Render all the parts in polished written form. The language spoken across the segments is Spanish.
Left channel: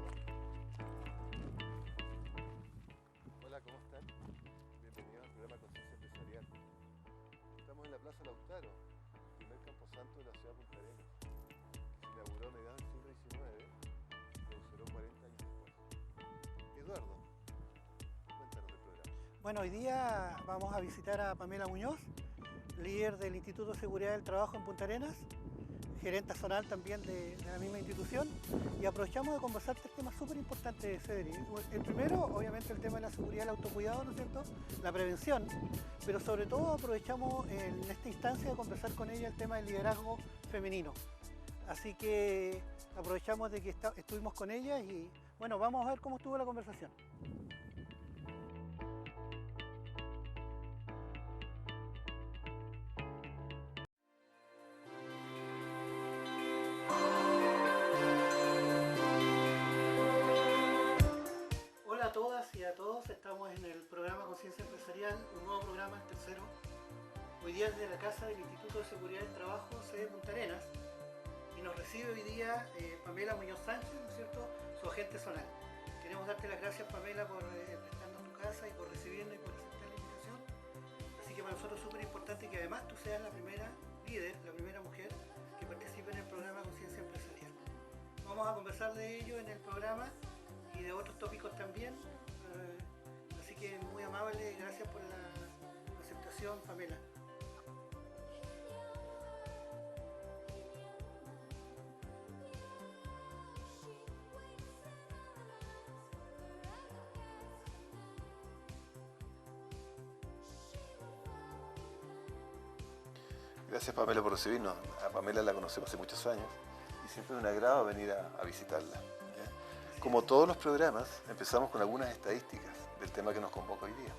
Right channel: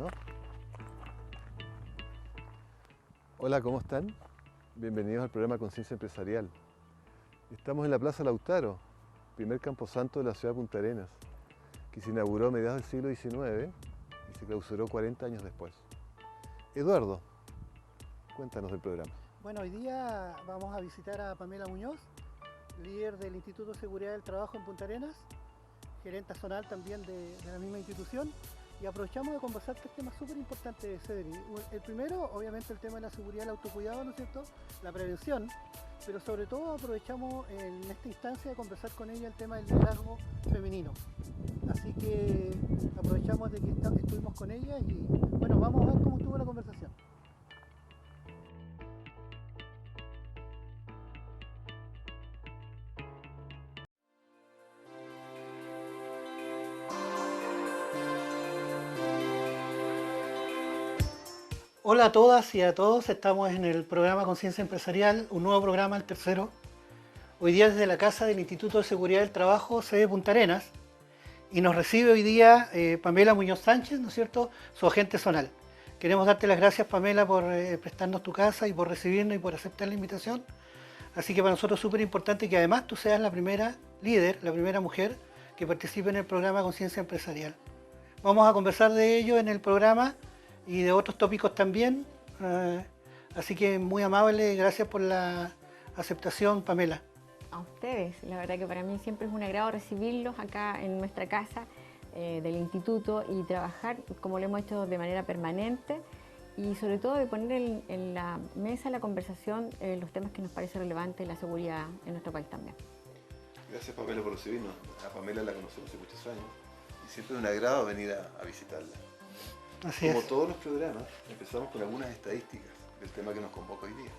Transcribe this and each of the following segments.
¿no? Hola, ¿cómo están? Bienvenidos al programa Conciencia Empresarial. Estamos en la Plaza Lautaro, primer camposanto de la ciudad de Punta Arenas, que se inauguró a mediados del siglo XIX y se clausuró 40 años después. Eduardo, cuéntanos del programa. Bueno, hoy día vamos a visitar a Pamela Muñoz, líder del Instituto de Seguridad del Trabajo en Punta Arenas, gerente zonal también de la misma institución, y aprovechamos de conversar tres temas súper importantes, Cedric. El primero, obviamente, el tema de la seguridad y el autocuidado, ¿no es cierto?, la prevención, pero sobre todo aprovechamos en esta instancia de conversar con ella el tema del liderazgo femenino. Así que aprovechamos de que estuvimos con ella y bueno, vamos a ver cómo estuvo la conversación. Hola a todas y a todos, estamos en el programa Conciencia Empresarial, un nuevo programa, el tercero. Hoy día desde la casa del Instituto de Seguridad del Trabajo, sede Punta Arenas, y nos recibe hoy día Pamela Muñoz Sánchez, ¿no es cierto?, su agente zonal. Queremos darte las gracias, Pamela, por prestarnos tu casa y por recibirnos y por aceptar la invitación. Así que para nosotros es súper importante que además tú seas la primera líder, la primera mujer que participe en el programa Conciencia Empresarial. Vamos a conversar de ello en el programa y de otros tópicos también. Así que muy amable, gracias por la aceptación, Pamela. A ustedes, la verdad que para mí siempre es un agrado recibirlos acá en nuestra casa del instituto y trabajar como lo hemos hecho de manera permanente y sobre todo de poner en la mesa la conversación los temas que nos parecen relevantes, la seguridad en nuestro país también. Gracias, Pamela, por recibirnos. A Pamela la conocemos hace muchos años y siempre es un agrado venir a visitarla. Así Como es. todos los programas, empezamos con algunas estadísticas del tema que nos convoca hoy día.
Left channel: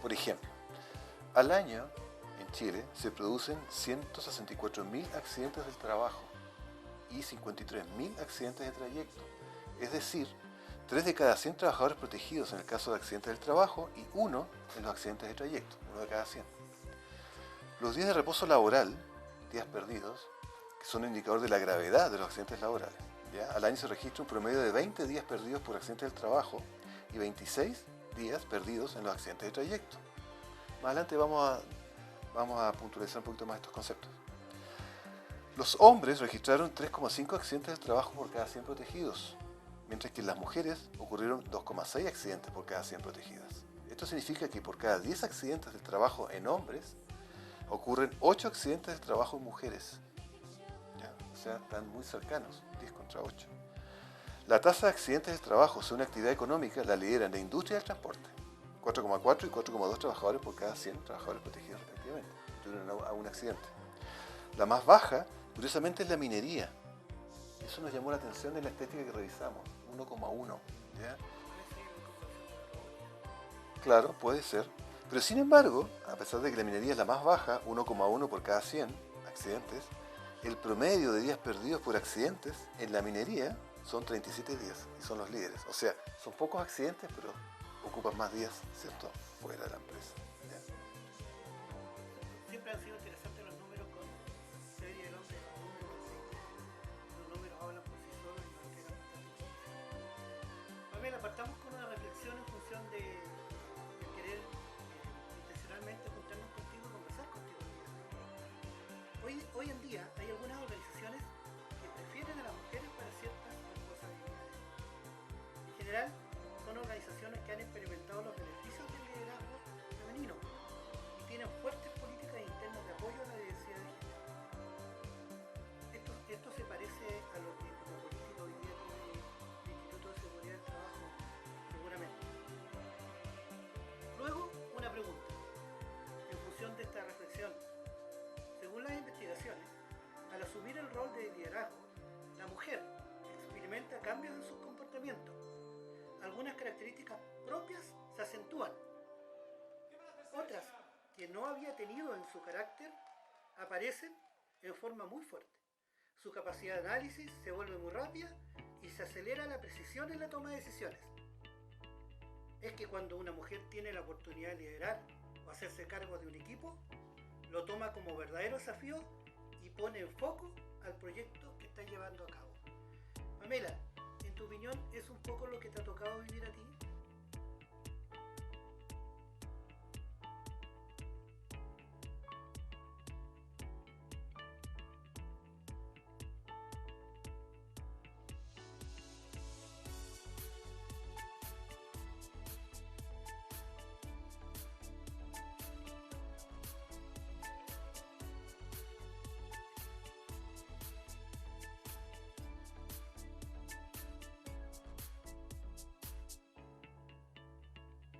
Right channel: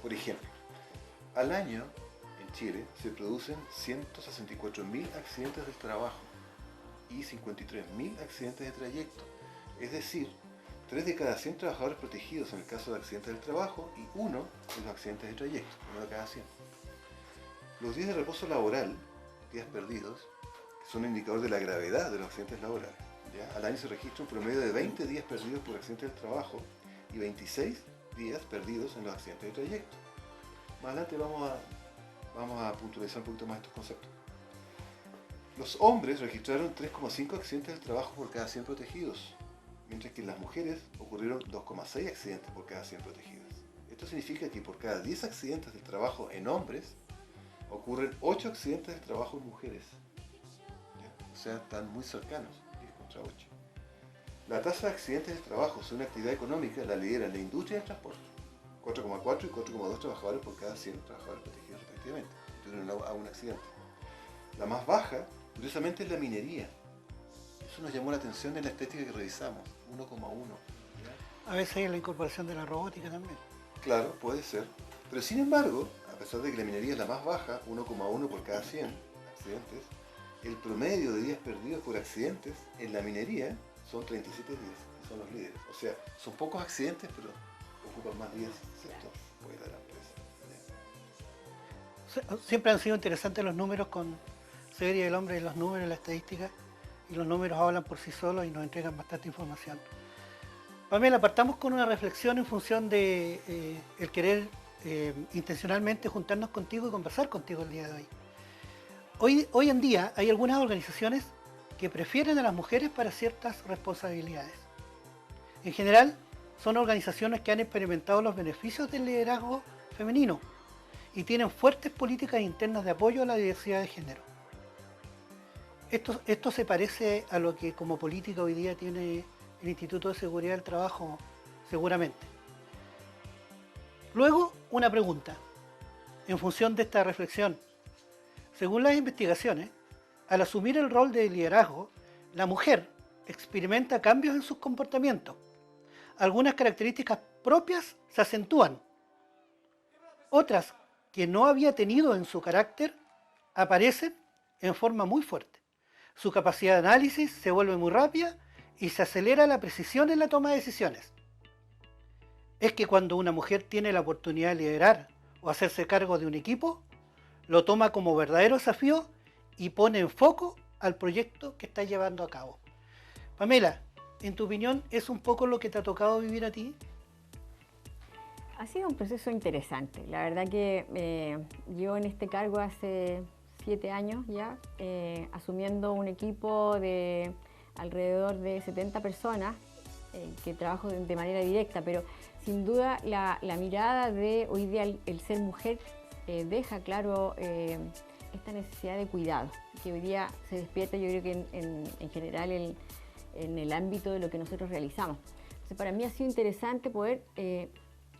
Por ejemplo, al año en Chile se producen 164.000 accidentes del trabajo y 53.000 accidentes de trayecto. Es decir, 3 de cada 100 trabajadores protegidos en el caso de accidentes del trabajo y 1 en los accidentes de trayecto, 1 de cada 100. Los días de reposo laboral, días perdidos, que son un indicador de la gravedad de los accidentes laborales. ¿Ya? Al año se registra un promedio de 20 días perdidos por accidentes del trabajo y 26 días perdidos en los accidentes de trayecto. Más adelante vamos a puntualizar un poquito más estos conceptos. Los hombres registraron 3,5 accidentes del trabajo por cada 100 protegidos, mientras que en las mujeres ocurrieron 2,6 accidentes por cada 100 protegidas. Esto significa que por cada 10 accidentes del trabajo en hombres, ocurren 8 accidentes del trabajo en mujeres. ¿Ya? O sea, están muy cercanos, 10 contra 8. La tasa de accidentes del trabajo según actividad económica la lideran la industria del transporte, 4,4 y 4,2 trabajadores por cada 100 trabajadores protegidos respectivamente, tuvieron a un accidente. La más baja, curiosamente, es la minería. Eso nos llamó la atención en la estética que revisamos, 1,1. A veces hay la incorporación de la robótica también. Claro, puede ser. Pero sin embargo, a pesar de que la minería es la más baja, 1,1 por cada 100 accidentes, el promedio de días perdidos por accidentes en la minería son 37 días, y son los líderes. O sea, son pocos accidentes, pero ocupan más días, ¿cierto?, fuera de la empresa. Siempre han sido interesantes los números con Serie del Hombre y los números, la estadística, y los números hablan por sí solos y nos entregan bastante información. Pamela, partamos con una reflexión en función de el querer intencionalmente juntarnos contigo y conversar contigo el día de hoy. Hoy en día hay algunas organizaciones que prefieren a las mujeres para ciertas responsabilidades. En general, son organizaciones que han experimentado los beneficios del liderazgo femenino y tienen fuertes políticas internas de apoyo a la diversidad de género. Esto se parece a lo que como política hoy día tiene el Instituto de Seguridad del Trabajo, seguramente. Luego, una pregunta, en función de esta reflexión. Según las investigaciones, al asumir el rol de liderazgo, la mujer experimenta cambios en sus comportamientos. Algunas características propias se acentúan. Otras que no había tenido en su carácter aparecen en forma muy fuerte. Su capacidad de análisis se vuelve muy rápida y se acelera la precisión en la toma de decisiones. Es que cuando una mujer tiene la oportunidad de liderar o hacerse cargo de un equipo, lo toma como verdadero desafío y pone en foco al proyecto que está llevando a cabo. Pamela, en tu opinión, es un poco lo que te ha tocado vivir a ti? Ha sido un proceso interesante. La verdad que yo en este cargo hace 7 años ya, asumiendo un equipo de alrededor de 70 personas que trabajo de manera directa, pero sin duda la mirada de hoy día el ser mujer deja claro esta necesidad de cuidado, que hoy día se despierta, yo creo que en general en el ámbito de lo que nosotros realizamos. Entonces, para mí ha sido interesante poder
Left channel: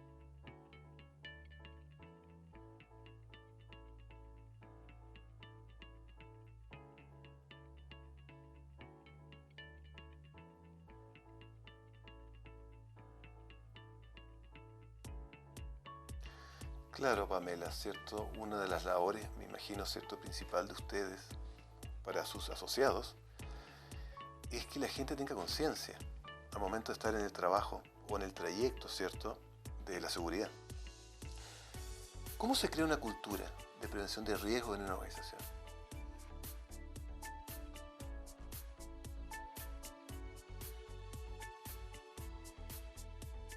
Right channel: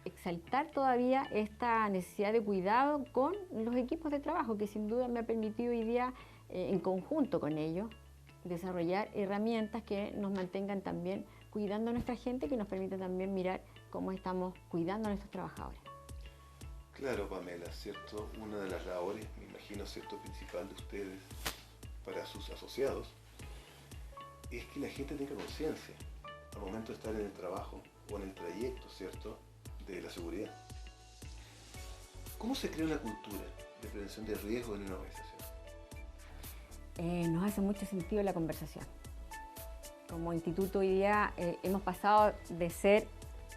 exaltar todavía esta necesidad de cuidado con los equipos de trabajo, que sin duda me ha permitido hoy día, en conjunto con ellos, desarrollar herramientas que nos mantengan también cuidando a nuestra gente, que nos permita también mirar cómo estamos cuidando a nuestros trabajadores. Claro, Pamela, ¿cierto? Una de las labores, me imagino, ¿cierto?, principal de ustedes para sus asociados es que la gente tenga conciencia al momento de estar en el trabajo o en el trayecto, ¿cierto?, de la seguridad. ¿Cómo se crea una cultura de prevención de riesgo en una organización? Nos hace mucho sentido la conversación. Como instituto hoy día hemos pasado de ser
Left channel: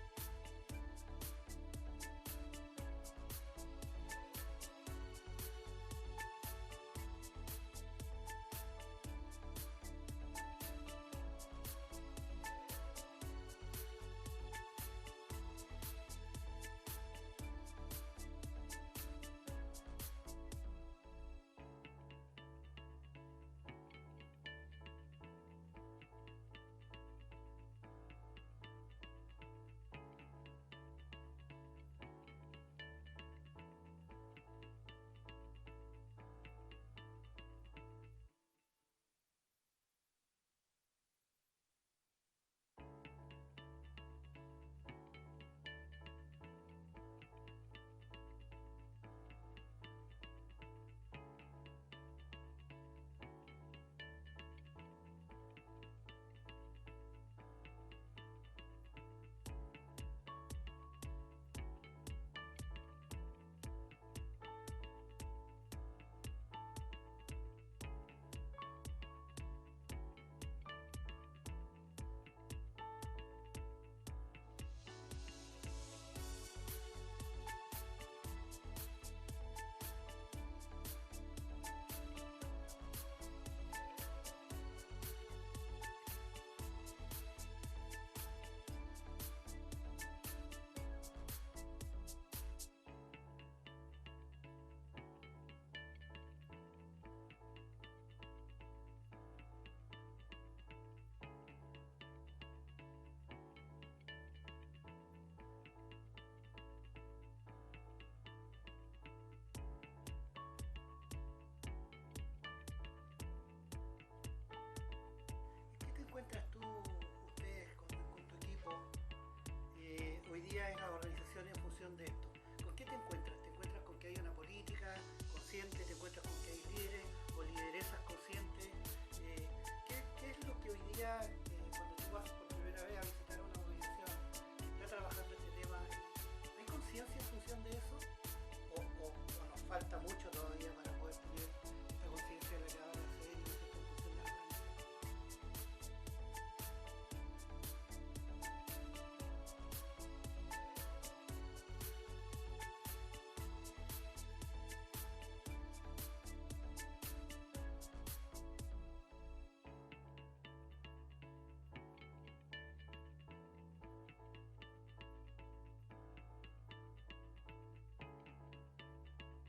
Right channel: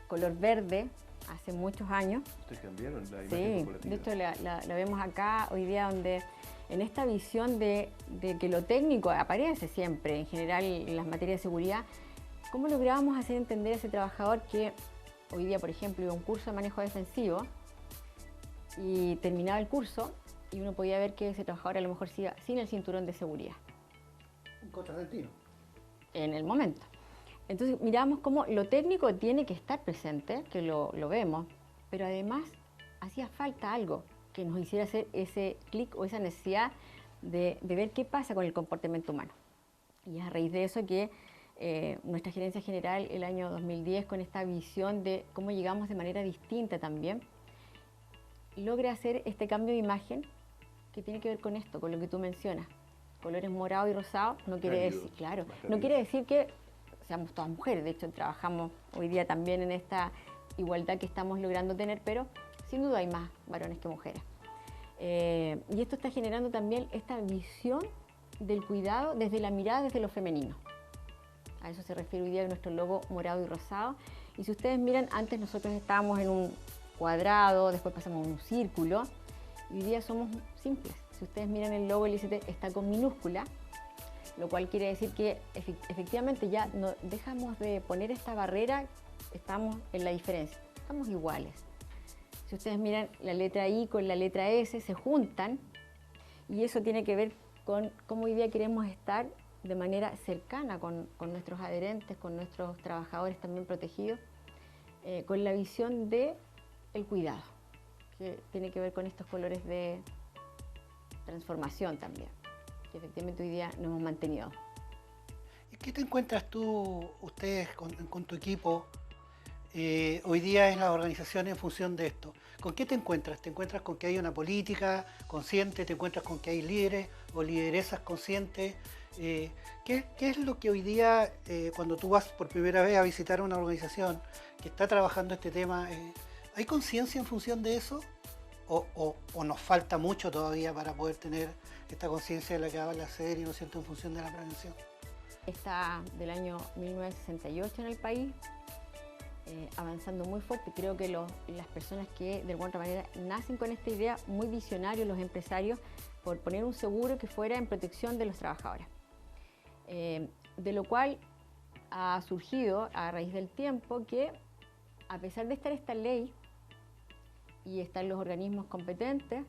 color verde hace muchos años. ¿Ustedes cambiaron la imagen Sí, corporativa? de hecho la vemos acá hoy día, donde en esta visión de que lo técnico aparece siempre, en general en las materias de seguridad, ¿cómo lográbamos hacer entender a ese trabajador que hoy día, por ejemplo, iba a un curso de manejo defensivo y terminaba el curso y uno podía ver que ese trabajador a lo mejor se iba sin el cinturón de seguridad? Un contrasentido. En el momento. Entonces miramos cómo lo técnico tiene que estar presente, que lo vemos, pero además hacía falta algo que nos hiciera hacer ese clic o esa necesidad de ver qué pasa con el comportamiento humano. Y es a raíz de eso que nuestra gerencia general el año 2010, con esta visión de cómo llegamos de manera distinta también, logra hacer este cambio de imagen que tiene que ver con esto, con lo que tú mencionas. Colores morado y rosado no quiere decir, claro, no quiere decir que seamos todas mujeres. De hecho, trabajamos hoy día también en esta igualdad que estamos logrando tener, pero sin duda hay más varones que mujeres. Y esto está generando también esta visión del cuidado desde la mirada, desde lo femenino. A eso se refiere hoy día nuestro logo morado y rosado. Y si ustedes miran, antes nosotros estábamos en un cuadrado, después pasamos a un círculo, y hoy día somos simples. Si ustedes miran el logo, el ICT está con minúscula, lo cual quiere decir que efectivamente ya no dejamos de poner esta barrera, estamos en la diferencia, estamos iguales. Si ustedes miran la letra I con la letra S, se juntan, y eso tiene que ver con cómo hoy día queremos estar de manera cercana con nuestros adherentes, con nuestros trabajadores también protegidos, con la visión del cuidado, que tiene que ver con estos colores de transformación también, que efectivamente hoy día nos hemos mantenido. ¿Y qué te encuentras tú, ustedes, con tu equipo, hoy día en la organización en función de esto? ¿Con qué te encuentras? ¿Te encuentras con que hay una política consciente? ¿Te encuentras con que hay líderes o lideresas conscientes? ¿Qué es lo que hoy día, cuando tú vas por primera vez a visitar una organización que está trabajando este tema, ¿hay conciencia en función de eso? ¿O nos falta mucho todavía para poder tener esta conciencia de la que habla la serie, ¿no es cierto?, en función de la prevención? Está del año 1968 en el país, avanzando muy fuerte. Creo que las personas que de alguna manera nacen con esta idea, muy visionarios, los empresarios, por poner un seguro que fuera en protección de los trabajadores. De lo cual ha surgido a raíz del tiempo que, a pesar de estar esta ley y están los organismos competentes,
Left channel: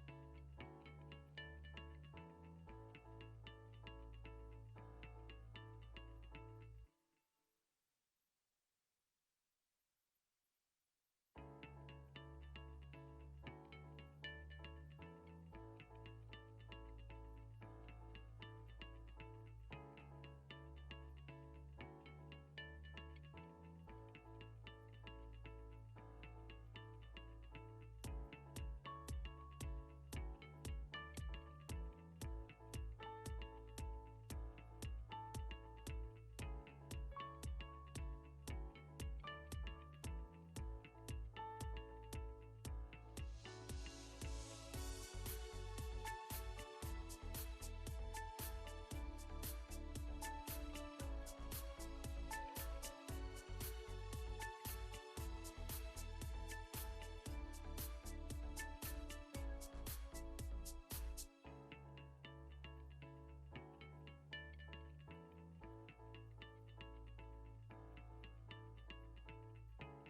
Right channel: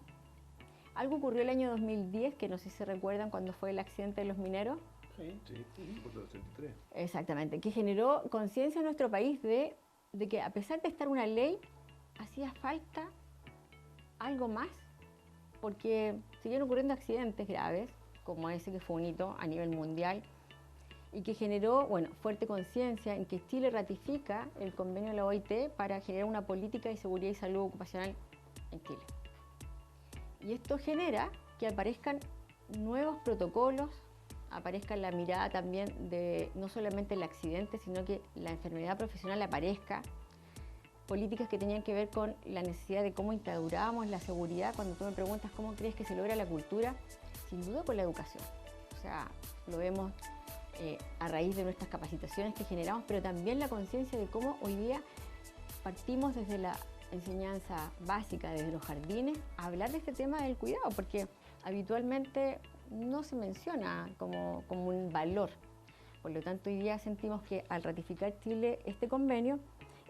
algo ocurrió el año 2010, que no sé si se recuerdan cuando fue el accidente de los mineros. Sí, por los 83. Exactamente, que generó conciencia en nuestro país de que, a pesar de estar una ley, hacía falta algo más, porque siguen ocurriendo accidentes graves, como ese que fue un hito a nivel mundial, y que generó, fuerte conciencia en que Chile ratifica el convenio de la OIT para generar una política de seguridad y salud ocupacional en Chile. Y esto genera que aparezcan nuevos protocolos, aparezca la mirada también de no solamente el accidente, sino que la enfermedad profesional aparezca, políticas que tenían que ver con la necesidad de cómo instaurábamos la seguridad. Cuando tú me preguntas cómo crees que se logra la cultura, sin duda con la educación. O sea, lo vemos a raíz de nuestras capacitaciones que generamos, pero también la conciencia de cómo hoy día partimos desde la enseñanza básica, desde los jardines, a hablar de este tema del cuidado, porque habitualmente no se menciona como un valor. Por lo tanto, hoy día sentimos que al ratificar Chile este convenio,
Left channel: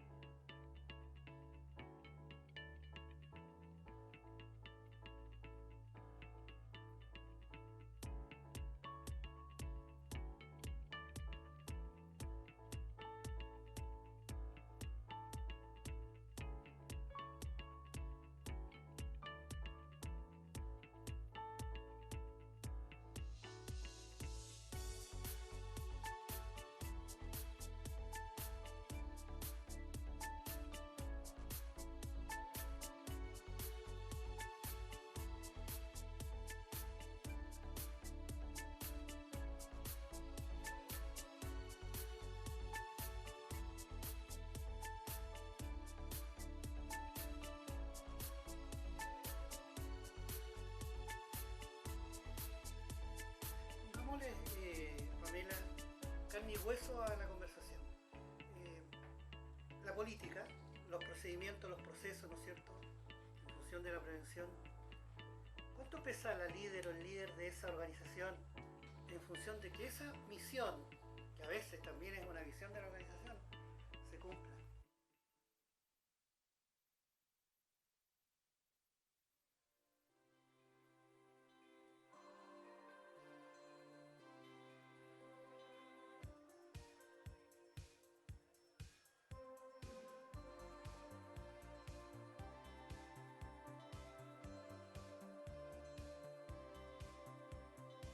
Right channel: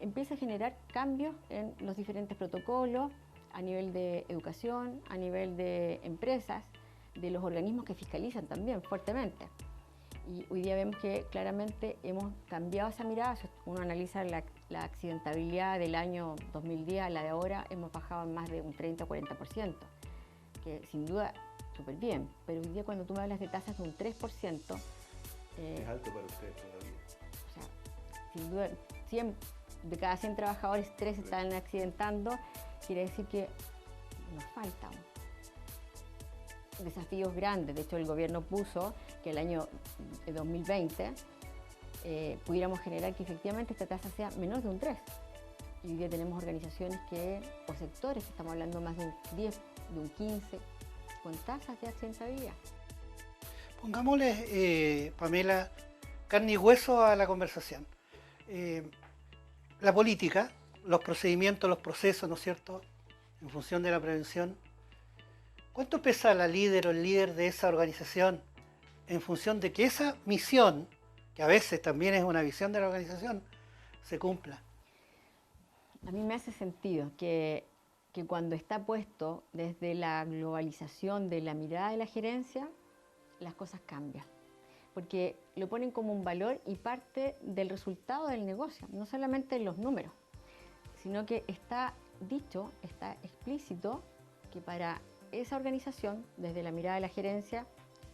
empieza a generar cambios en los diferentes protocolos, a nivel de educación, a nivel de empresas, de los organismos que fiscalizan también fuertemente. Y hoy día vemos que claramente hemos cambiado esa mirada. Si uno analiza la accidentabilidad del año 2010 a la de ahora, hemos bajado en más de un 30 o 40%, que sin duda súper bien. Pero hoy día cuando tú me hablas de tasas de un 3%, es alto para ustedes todavía. O sea, sin duda, 100, de cada 100 trabajadores, 3 están accidentando, quiere decir que nos faltan desafíos grandes. De hecho, el gobierno puso que el año 2020 pudiéramos generar que efectivamente esta tasa sea menos de un 3. Y hoy día tenemos organizaciones o sectores, que estamos hablando más de un 10, de un 15, con tasas de accidentabilidad. Pongámosle, Pamela, carne y hueso a la conversación. La política, los procedimientos, los procesos, ¿no es cierto?, en función de la prevención. ¿Cuánto pesa la líder o el líder de esa organización en función de que esa misión, que a veces también es una visión de la organización, se cumpla? A mí me hace sentido que cuando está puesto desde la globalización de la mirada de la gerencia, las cosas cambian. Porque lo ponen como un valor y parte del resultado del negocio, no solamente en los números, sino que está dicho, está explícito que para esa organización, desde la mirada de la gerencia,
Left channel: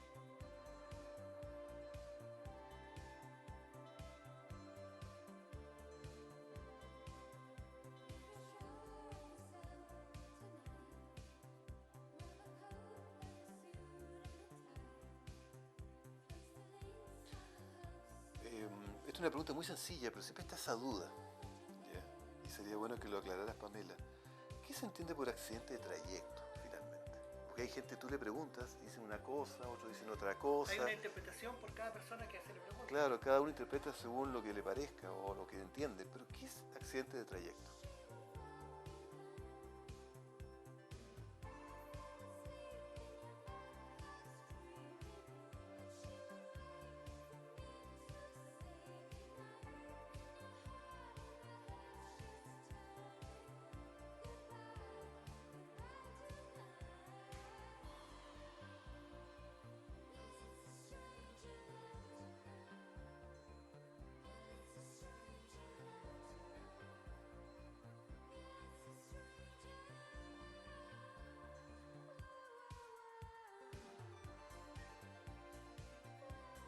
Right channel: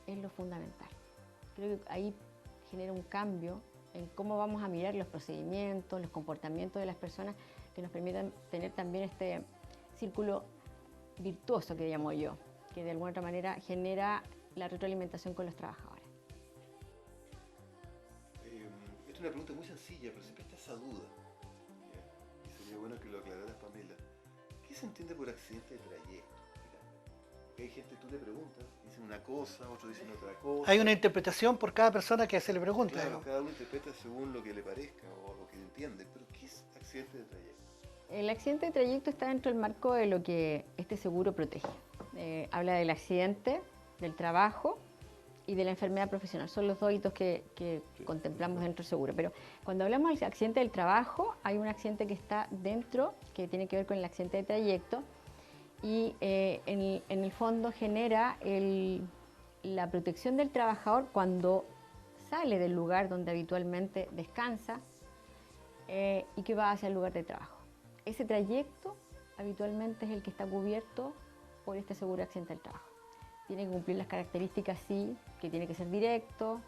es lo fundamental. Creo que ahí genera un cambio en cómo vamos a mirar los procedimientos, los comportamientos de las personas, que nos permitan tener también este círculo virtuoso que llamo yo, que de alguna otra manera genera la retroalimentación con los trabajadores. Esta es una pregunta muy sencilla, pero siempre está esa duda. ¿Ya? Y sería bueno que lo aclararas, Pamela. ¿Qué se entiende por accidente de trayecto, finalmente? Porque hay gente, tú le preguntas, dicen una cosa, otros dicen otra cosa. Hay una interpretación por cada persona que se le pregunta. Claro, ¿no? cada uno interpreta según lo que le parezca o lo que entiende, pero ¿qué es accidente de trayecto? El accidente de trayecto está dentro del marco de lo que este seguro protege. Habla del accidente, del trabajo y de la enfermedad profesional. Son los dos hitos que contemplamos dentro del seguro. Pero cuando hablamos del accidente del trabajo, hay un accidente que está dentro, que tiene que ver con el accidente de trayecto, y en el fondo genera la protección del trabajador cuando sale del lugar donde habitualmente descansa y que va hacia el lugar de trabajo. Ese trayecto habitualmente es el que está cubierto por este seguro de accidente del trabajo. Tiene que cumplir las características, sí, que tiene que ser directo.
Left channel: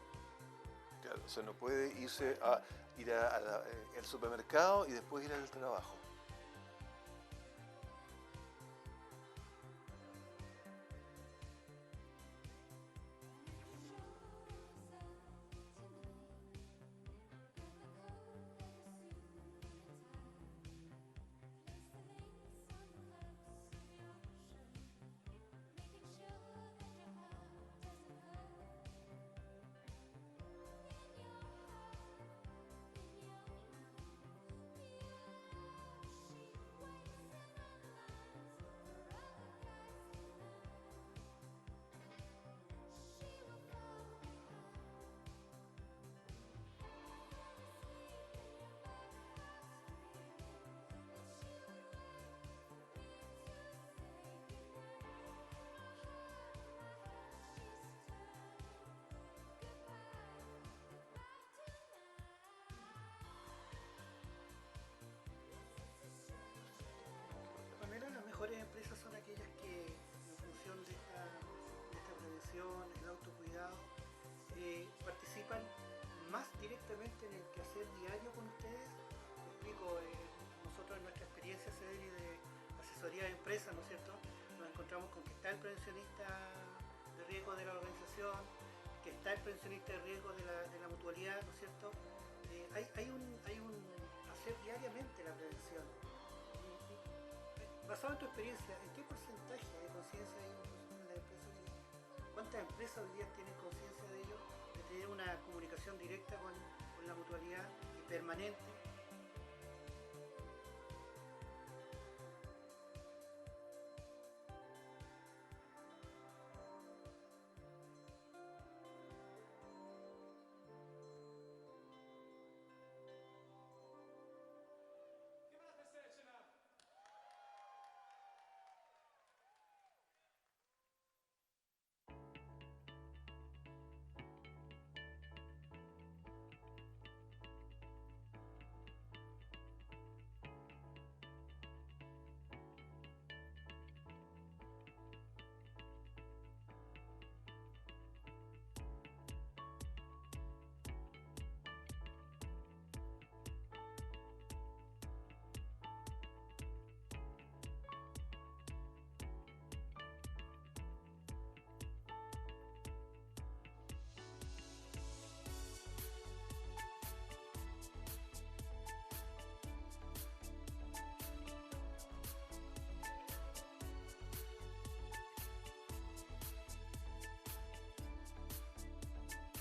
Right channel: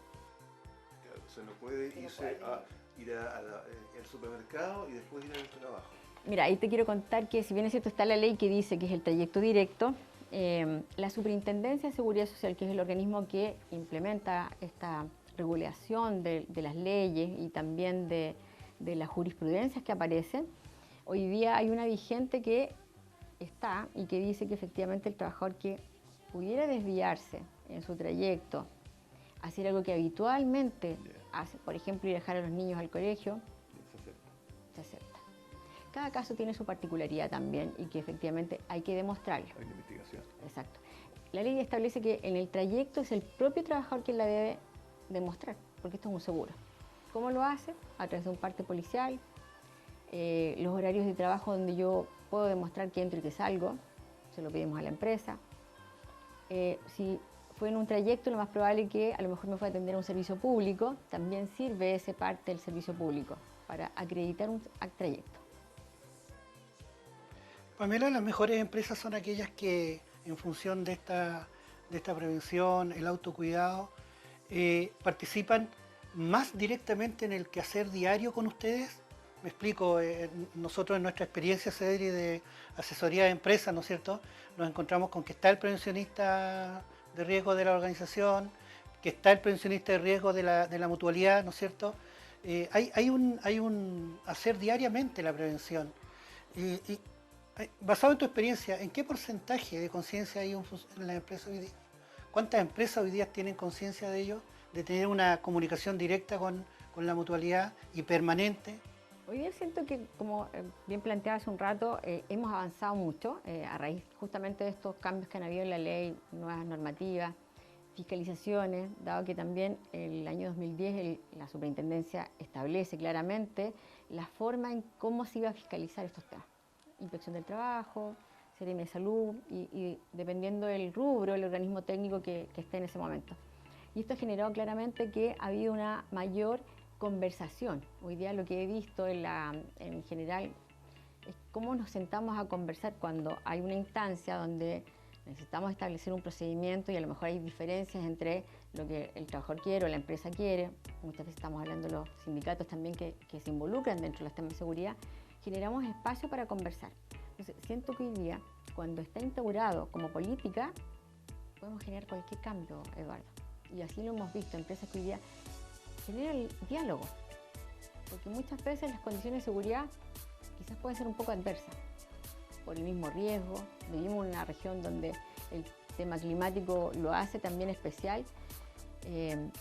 Claro, o sea, no puede irse a ir al supermercado y después ir al trabajo. Mira, ahí te quiero contar que si bien es cierto está la ley que dice que es el trayecto directo, la Superintendencia de Seguridad Social, que es el organismo que implementa esta regulación de las leyes y también de las jurisprudencias que aparecen, hoy día hay una vigente que está y que dice que efectivamente el trabajador que pudiera desviarse en su trayecto, hacer algo que habitualmente hace, por ejemplo, ir a dejar a los niños al colegio, se acepta. Cada caso tiene su particularidad también y que efectivamente hay que demostrarlo. Hay investigación. Exacto. La ley establece que en el trayecto es el propio trabajador quien la debe demostrar, porque esto es un seguro. ¿Cómo lo hace? A través de un parte policial, los horarios de trabajo donde yo puedo demostrar que entro y que salgo, se lo pedimos a la empresa. Si fue en un trayecto, lo más probable es que a lo mejor me fue a atender a un servicio público, también sirve ese parte del servicio público para acreditar un trayecto. Pamela, las mejores empresas son aquellas que, en función de esta prevención, el autocuidado, participan más directamente en el quehacer diario con ustedes. Me explico, nosotros en nuestra experiencia, Cedri, de asesoría de empresas, ¿no es cierto?, nos encontramos con que está el prevencionista de riesgo de la organización, que está el prevencionista de riesgo de la mutualidad, ¿no es cierto? Hay un hacer diariamente la prevención. Basado en tu experiencia, ¿en qué porcentaje de conciencia hay en la empresa hoy día? ¿Cuántas empresas hoy día tienen conciencia de ello? de tener una comunicación directa con la mutualidad y permanente? Hoy día siento que, como bien planteaba hace un rato, hemos avanzado mucho a raíz justamente de estos cambios que han habido en la ley, nuevas normativas, fiscalizaciones, dado que también el año 2010 la superintendencia establece claramente la forma en cómo se iba a fiscalizar estos temas. Inspección del trabajo, Seremi de Salud y dependiendo del rubro, el organismo técnico que esté en ese momento. Y esto ha generado claramente que ha habido una mayor conversación. Hoy día lo que he visto en general es cómo nos sentamos a conversar cuando hay una instancia donde necesitamos establecer un procedimiento y a lo mejor hay diferencias entre lo que el trabajador quiere o la empresa quiere. Muchas veces estamos hablando de los sindicatos también que se involucran dentro de los temas de seguridad. Generamos espacio para conversar. Entonces, siento que hoy día, cuando está instaurado como política, podemos generar cualquier cambio, Eduardo. Y así lo hemos visto, empresas que hoy día generan el diálogo. Porque muchas veces las condiciones de seguridad quizás pueden ser un poco adversas por el mismo riesgo. Vivimos en una región donde el tema climático lo hace también especial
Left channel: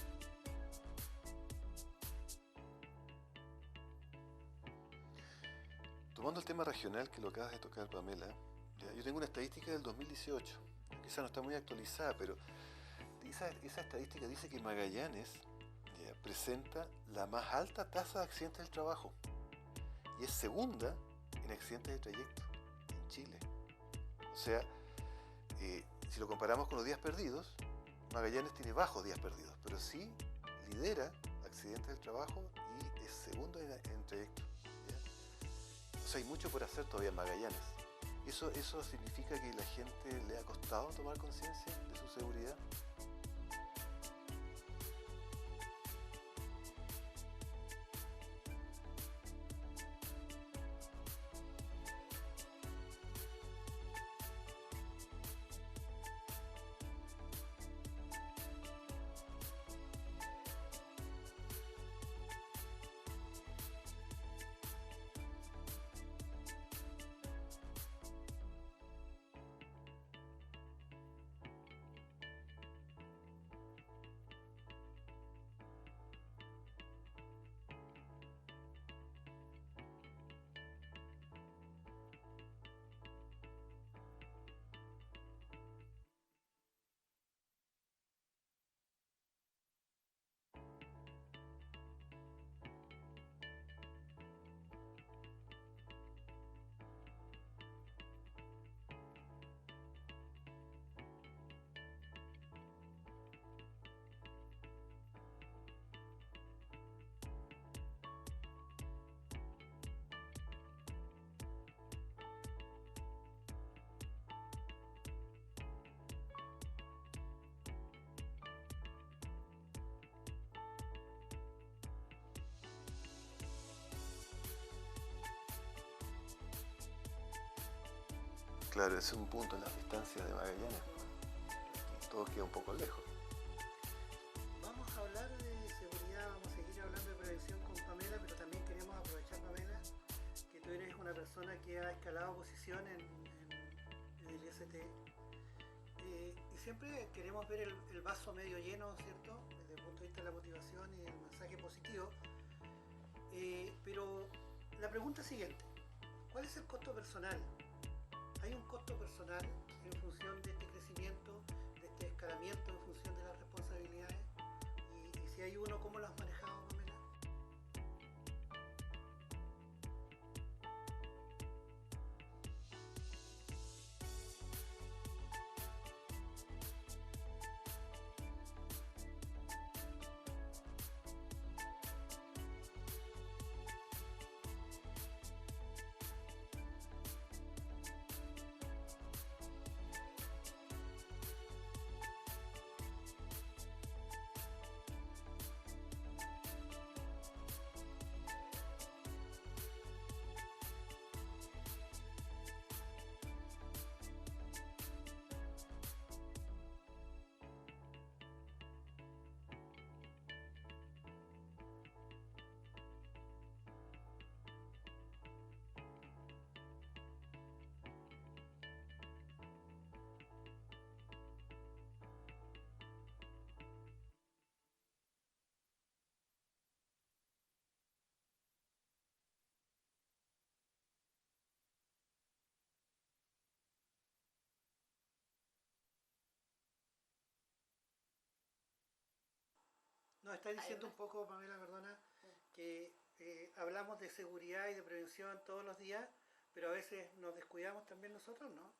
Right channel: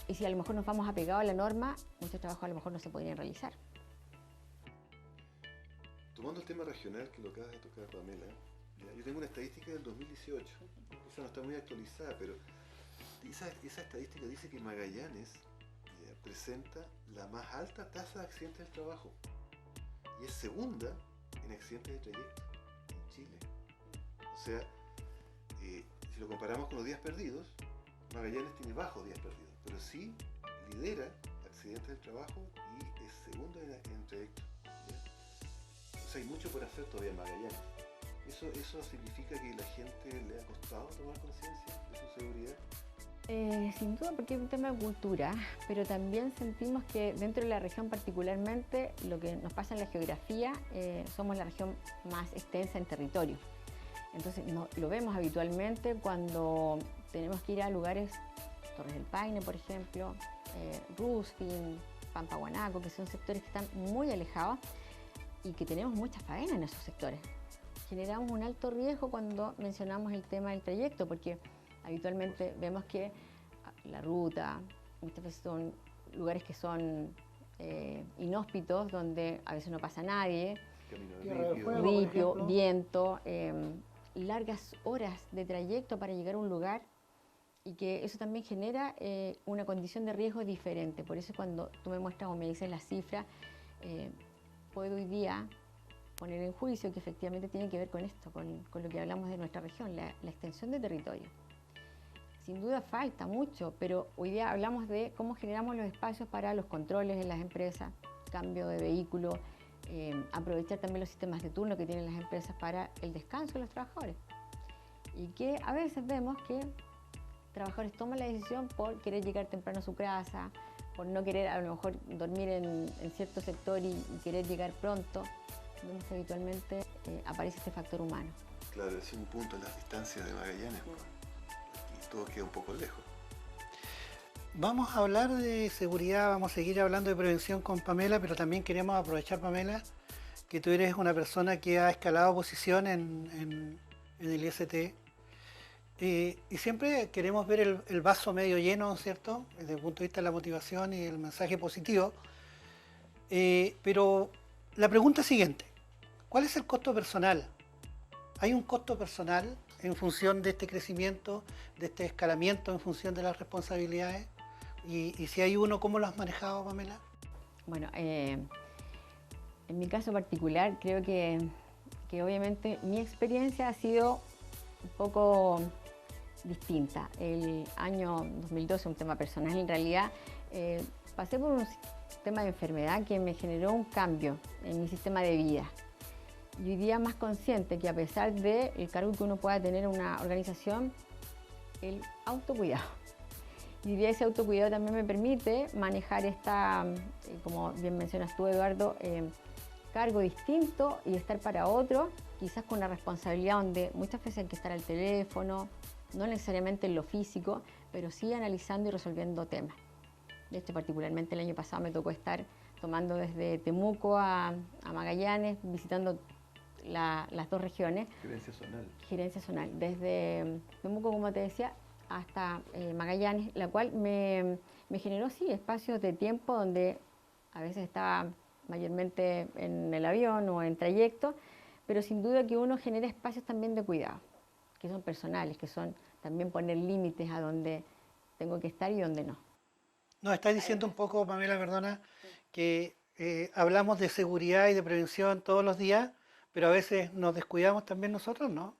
y si a lo mejor nos vamos apegados a la norma, muchos trabajos a lo mejor no se podrían realizar. Tomando el tema regional que lo acabas de tocar, Pamela, yo tengo una estadística del 2018, quizá no está muy actualizada, pero esa estadística dice que Magallanes presenta la más alta tasa de accidentes del trabajo y es segunda en accidentes de trayecto en Chile. O sea, si lo comparamos con los días perdidos, Magallanes tiene bajos días perdidos, pero sí lidera accidentes del trabajo y es segundo en trayecto. ¿Ya? O sea, hay mucho por hacer todavía en Magallanes. ¿Eso significa que a la gente le ha costado tomar conciencia de su seguridad? Sin duda, porque es un tema de cultura, pero también sentimos que dentro de la región particularmente, lo que nos pasa en la geografía, somos la región más extensa en territorio. Entonces lo vemos habitualmente cuando tenemos que ir a lugares, Torres del Paine, por ejemplo, Ruskin, Pampaguanaco, que son sectores que están muy alejados y que tenemos mucha faena en esos sectores. Generamos un alto riesgo cuando mencionamos el tema del trayecto, porque habitualmente vemos que la ruta, muchas veces son lugares que son inhóspitos, donde a veces no pasa nadie, ripio, viento, largas horas de trayecto para llegar a un lugar y que eso también genera una condición de riesgo diferente. Por eso cuando tú me muestras o me dices la cifra, puedo hoy día poner en juicio que efectivamente tiene que ver con esto, con lo que hablamos de nuestra región, la extensión de territorio. Sin duda falta mucho, pero hoy día hablamos de cómo generamos los espacios para los controles en las empresas, cambio de vehículo, aprovechar también los sistemas de turno que tienen las empresas para el descanso de los trabajadores. Y que a veces vemos que trabajadores toman la decisión por querer llegar temprano a su casa, por no querer a lo mejor dormir en cierto sector y querer llegar pronto. Vemos que habitualmente aparece este factor humano. Claro, ese es un punto en las distancias de Magallanes. Todo queda un poco lejos. Vamos a hablar de seguridad, vamos a seguir hablando de prevención con Pamela, pero también queremos aprovechar, Pamela, que tú eres una persona que ha escalado posición en el IST. Y siempre queremos ver el vaso medio lleno, ¿cierto? Desde el punto de vista de la motivación y el mensaje positivo. Pero la pregunta es siguiente: ¿cuál es el costo personal? ¿Hay un costo personal en función de este crecimiento, de este escalamiento, en función de las responsabilidades? Y si hay uno, ¿cómo lo has manejado, Pamela? Bueno, en mi caso particular, creo que obviamente mi experiencia ha sido un poco distinta. El año 2012, un tema personal en realidad, pasé por un tema de enfermedad que me generó un cambio en mi sistema de vida. Y hoy día más consciente que a pesar del cargo que uno pueda tener en una organización, el autocuidado. Y hoy día ese autocuidado también me permite manejar esta, como bien mencionas tú, Eduardo, cargo distinto y estar para otro, quizás con la responsabilidad donde muchas veces hay que estar al teléfono, no necesariamente en lo físico, pero sí analizando y resolviendo temas. De hecho, particularmente el año pasado me tocó estar tomando desde Temuco a Magallanes, visitando las dos regiones. Gerencia zonal. Gerencia zonal, desde Temuco, como te decía, hasta Magallanes, la cual me me generó, sí, espacios de tiempo donde a veces estaba mayormente en el avión o en trayecto, pero sin duda que uno genera espacios también de cuidado, que son personales, que son también poner límites a donde tengo que estar y donde no. Nos está diciendo un poco, Pamela, perdona, que hablamos de seguridad y de prevención todos los días, pero a veces nos descuidamos también nosotros, ¿no?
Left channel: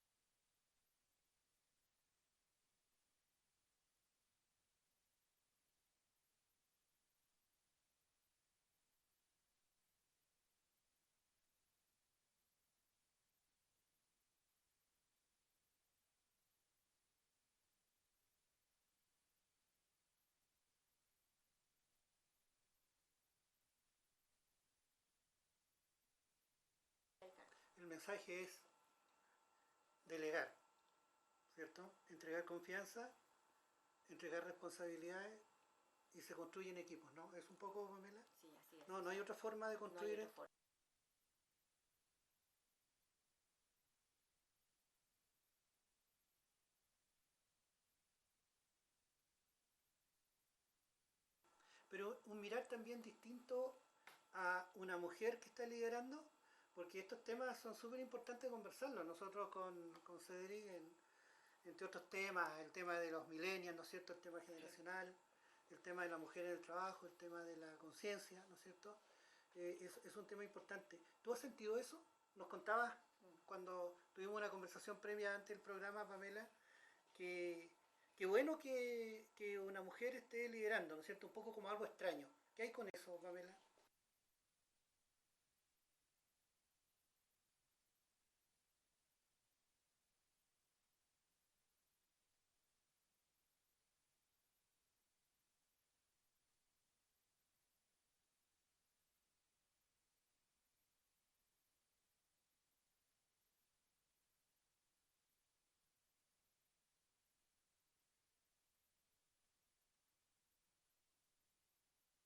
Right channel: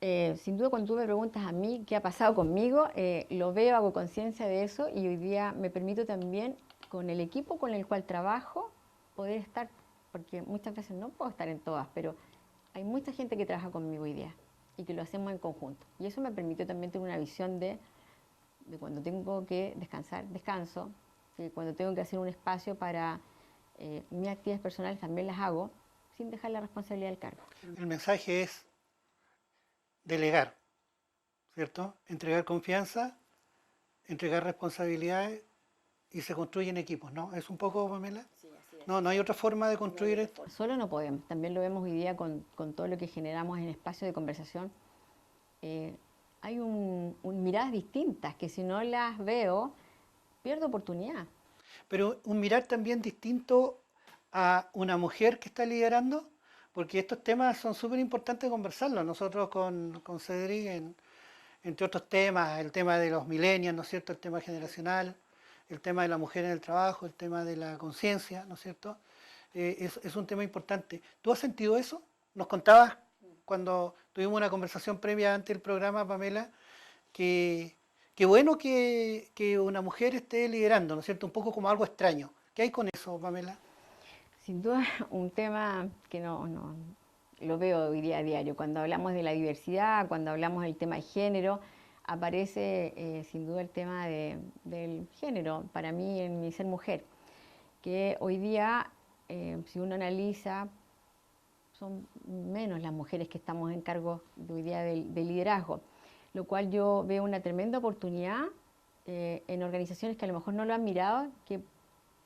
Sin duda, cuando tú me preguntas a mí qué ha pasado conmigo, lo veo, hago conciencia de eso y hoy día me permito también con el equipo con el cual trabajo poder estar, porque muchas veces no puedo estar en todas, pero hay mucha gente que trabaja conmigo hoy día y que lo hacemos en conjunto. Y eso me permitió también tener una visión de cuando tengo que descansar, descanso, que cuando tengo que hacer un espacio para mis actividades personales también las hago, sin dejar la responsabilidad del cargo. El mensaje es delegar, ¿cierto? Entregar confianza, entregar responsabilidades y se construyen equipos, ¿no? ¿Es un poco, Pamela? No, no hay otra forma de construir esto. Solo no podemos, también lo vemos hoy día con todo lo que generamos en espacios de conversación. Hay miradas distintas que si no las veo, pierdo oportunidad. Pero un mirar también distinto a una mujer que está liderando, porque estos temas son súper importantes conversarlos. Nosotros con Cedric, entre otros temas, el tema de los millennials, ¿no es cierto?, el tema generacional, el tema de la mujer en el trabajo, el tema de la conciencia, ¿no es cierto?, es un tema importante. ¿Tú has sentido eso? Nos contabas cuando tuvimos una conversación previa ante el programa, Pamela, que qué bueno que una mujer esté liderando, ¿no es cierto? Un poco como algo extraño. ¿Qué hay con eso, Pamela? Sin duda, un tema que no lo veo hoy día a diario. Cuando hablamos de la diversidad, cuando hablamos del tema de género, aparece sin duda el tema del género, para mí en mi ser mujer, que hoy día, si uno analiza, son menos las mujeres que estamos en cargo de hoy día de liderazgo, lo cual yo veo una tremenda oportunidad en organizaciones que a lo mejor no lo han mirado, que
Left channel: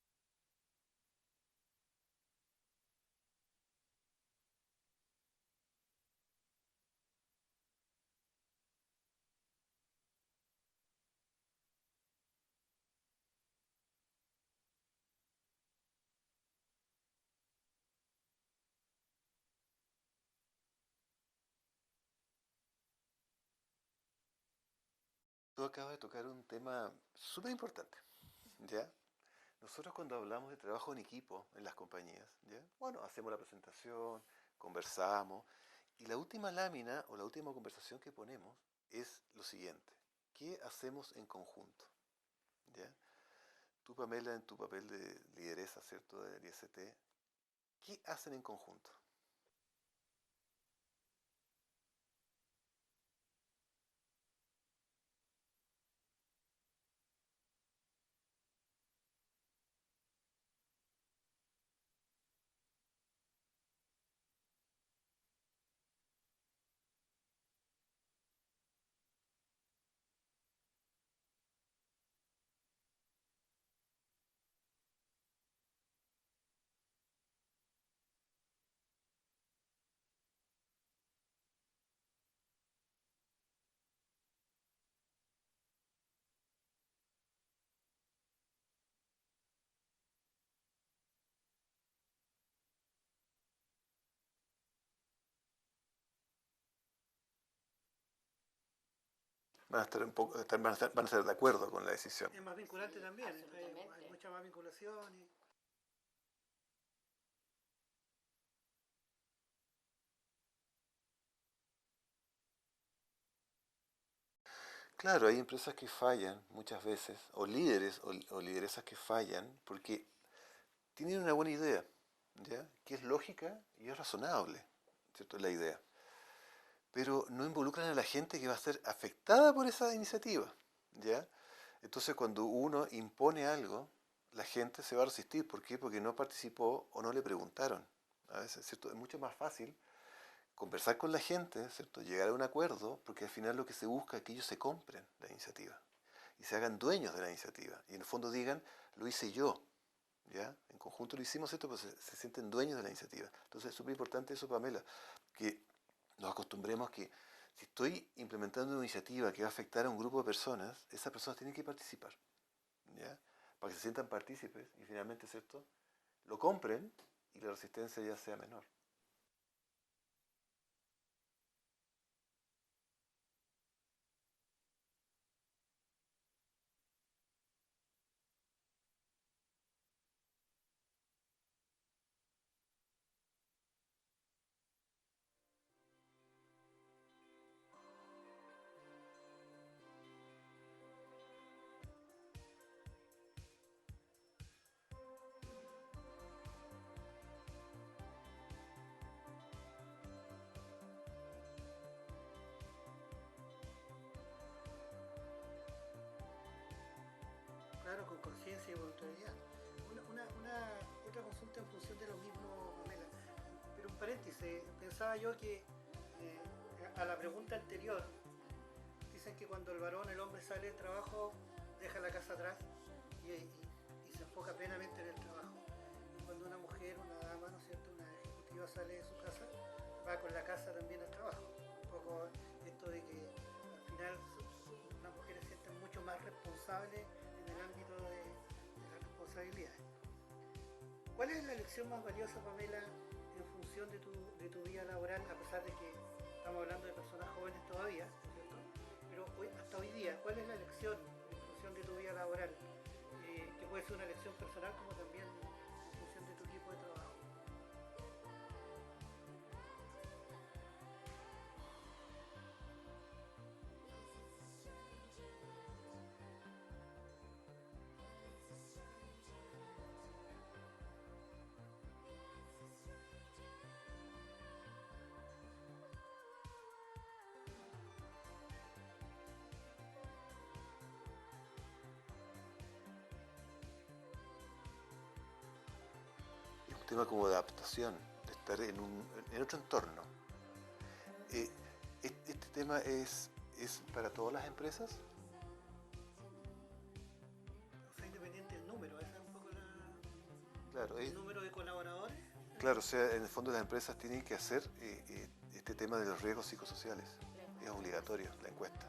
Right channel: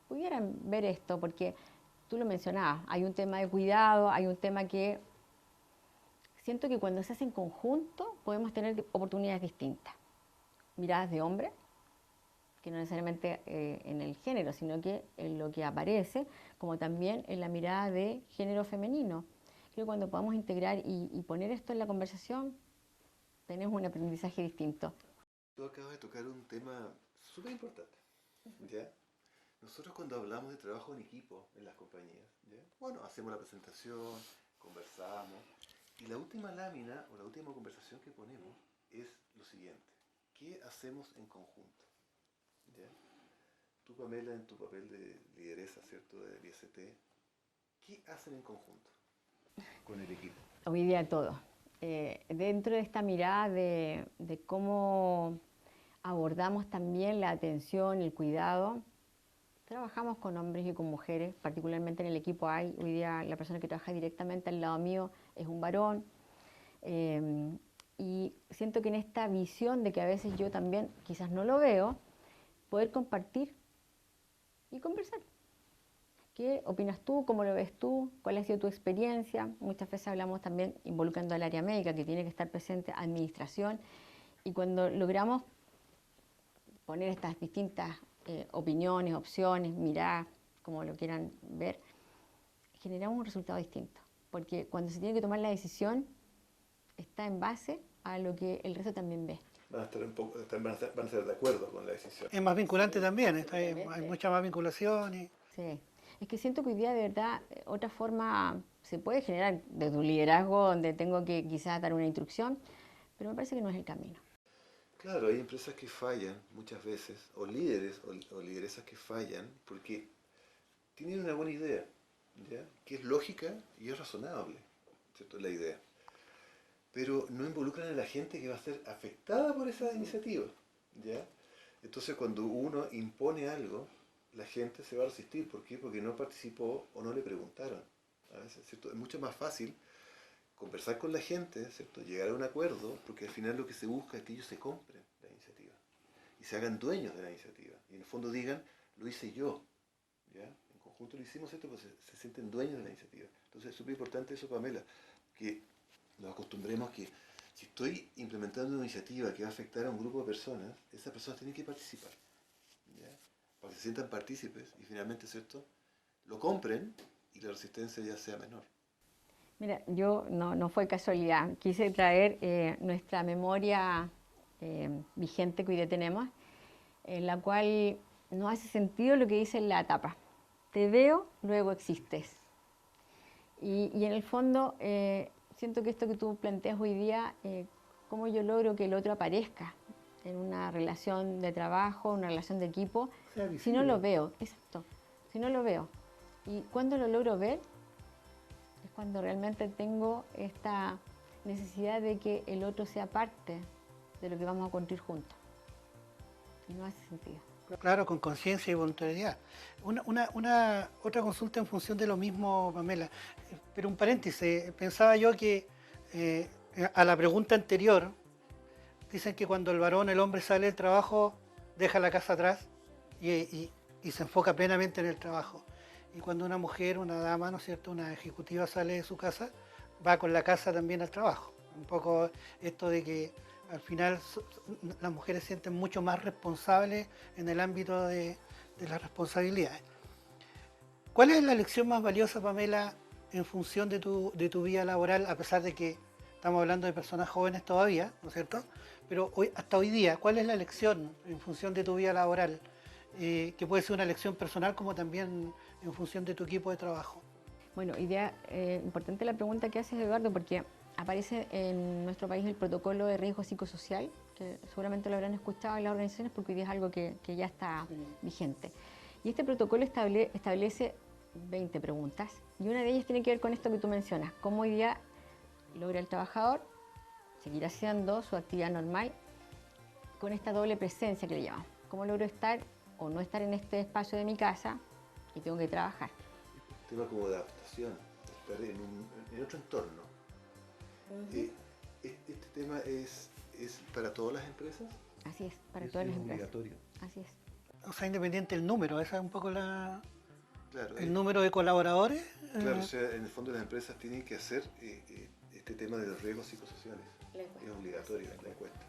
pudieran ver esto, porque tú lo mencionabas, hay un tema de cuidado, hay un tema que siento que cuando se hace en conjunto podemos tener oportunidades distintas. Miradas de hombre, que no necesariamente en el género, sino que en lo que aparece, como también en la mirada de género femenino. Creo que cuando podamos integrar y poner esto en la conversación, tenemos un aprendizaje distinto. Tú acabas de tocar un tema súper importante, ¿ya? Nosotros cuando hablamos de trabajo en equipo en las compañías, ¿ya? Bueno, hacemos la presentación, conversamos, y la última lámina o la última conversación que ponemos es lo siguiente: ¿qué hacemos en conjunto? ¿Ya? Tú, Pamela, en tu papel de lideresa, ¿cierto?, del IST, ¿qué hacen en conjunto con el equipo? Hoy día todo. Dentro de esta mirada de cómo abordamos también la atención, el cuidado, trabajamos con hombres y con mujeres, particularmente en el equipo hay, hoy día la persona que trabaja directamente al lado mío es un varón, y siento que en esta visión de que a veces yo también quizás no lo veo, poder compartir y conversar. ¿Qué opinas tú? ¿Cómo lo ves tú? ¿Cuál ha sido tu experiencia? Muchas veces hablamos también involucrando al área médica, que tiene que estar presente, administración, y cuando logramos poner estas distintas opiniones, opciones, miradas, como lo quieran ver, generamos un resultado distinto. Porque cuando se tiene que tomar la decisión, está en base a lo que el resto también ve. Van a estar van a estar de acuerdo con la decisión. Es más vinculante también, Absolutamente. hay mucha más vinculación. Sí, es que siento que hoy día de verdad otra forma se puede generar desde un liderazgo donde tengo que quizás dar una instrucción, pero me parece que no es el camino. Claro, hay empresas que fallan muchas veces, o líderes o lideresas que fallan porque tienen una buena idea, ¿ya? Que es lógica y es razonable, ¿cierto? La idea. Pero no involucran a la gente que va a ser afectada por esa iniciativa, ¿ya? Entonces cuando uno impone algo, la gente se va a resistir. ¿Por qué? Porque no participó o no le preguntaron. A veces, ¿cierto? Es mucho más fácil conversar con la gente, ¿cierto? Llegar a un acuerdo, porque al final lo que se busca es que ellos se compren la iniciativa y se hagan dueños de la iniciativa. Y en el fondo digan, lo hice yo, ¿ya? En conjunto lo hicimos esto, pues se sienten dueños de la iniciativa. Entonces es súper importante eso, Pamela, que nos acostumbremos que si estoy implementando una iniciativa que va a afectar a un grupo de personas, esas personas tienen que participar. ¿ya? Para que se sientan partícipes y finalmente, ¿cierto?, lo compren y la resistencia ya sea menor. Mira, yo no fue casualidad. Quise traer nuestra memoria vigente que hoy día tenemos, en la cual no hace sentido lo que dice en la tapa. Te veo, luego existes. Y en el fondo, siento que esto que tú planteas hoy día, cómo yo logro que el otro aparezca en una relación de trabajo, una relación de equipo, si no lo veo, exacto, si no lo veo. Y cuando lo logro ver, es cuando realmente tengo esta necesidad de que el otro sea parte de lo que vamos a construir juntos. No hace sentido. Claro, con conciencia y voluntariedad. Otra consulta en función de lo mismo, Pamela. Pero un paréntesis, pensaba yo que a la pregunta anterior, dicen que cuando el hombre sale del trabajo, deja la casa atrás y se enfoca plenamente en el trabajo. Y cuando una mujer, una dama, ¿no es cierto?, una ejecutiva sale de su casa, va con la casa también al trabajo. Un poco esto de que al final las mujeres se sienten mucho más responsables en el ámbito de las responsabilidades. ¿Cuál es la lección más valiosa, Pamela, en función de tu vida laboral, a pesar de que estamos hablando de personas jóvenes todavía, ¿no es cierto? Pero hasta hoy día, ¿cuál es la lección en función de tu vida laboral? Que puede ser una lección personal como también en función de tu equipo de trabajo. Bueno, importante la pregunta que haces, Eduardo, porque aparece en nuestro país el protocolo de riesgo psicosocial, que seguramente lo habrán escuchado en las organizaciones porque hoy día es algo que ya está vigente. Y este protocolo establece 20 preguntas y una de ellas tiene que ver con esto que tú mencionas, cómo hoy día logra el trabajador seguir haciendo su actividad normal con esta doble presencia que le llamamos. ¿Cómo logro estar o no estar en este espacio de mi casa y tengo que trabajar? Un tema como de adaptación, de estar en otro entorno. Este tema es para todas las empresas. Así es, para todas las empresas. Obligatorio. Así es. O sea, independiente del número, esa es un poco Claro, el número de colaboradores. Claro, o sea, en el fondo las empresas tienen que hacer este tema de los riesgos psicosociales. Es obligatorio la encuesta.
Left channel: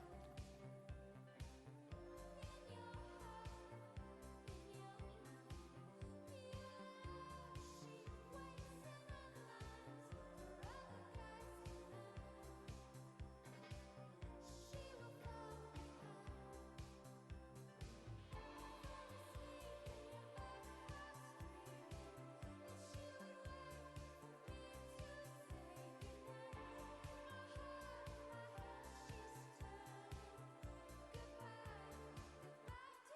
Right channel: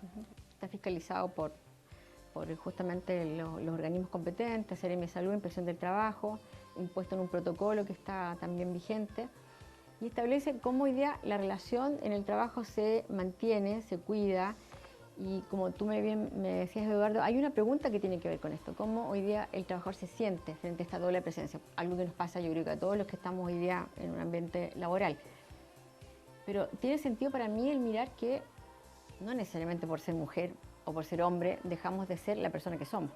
Está fiscalizado por justamente los organismos competentes, Seremi de Salud, Inspección del Trabajo, impuesto en un protocolo que está también vigente y establece cómo hoy día la relación en el trabajo se mantiene, se cuida y como tú me decías, Eduardo, hay una pregunta que tiene que ver con esto, cómo hoy día el trabajador se siente frente a esta doble presencia, algo que nos pasa yo creo que a todos los que estamos hoy día en un ambiente laboral. Pero tiene sentido para mí el mirar que no necesariamente por ser mujer o por ser hombre dejamos de ser la persona que somos.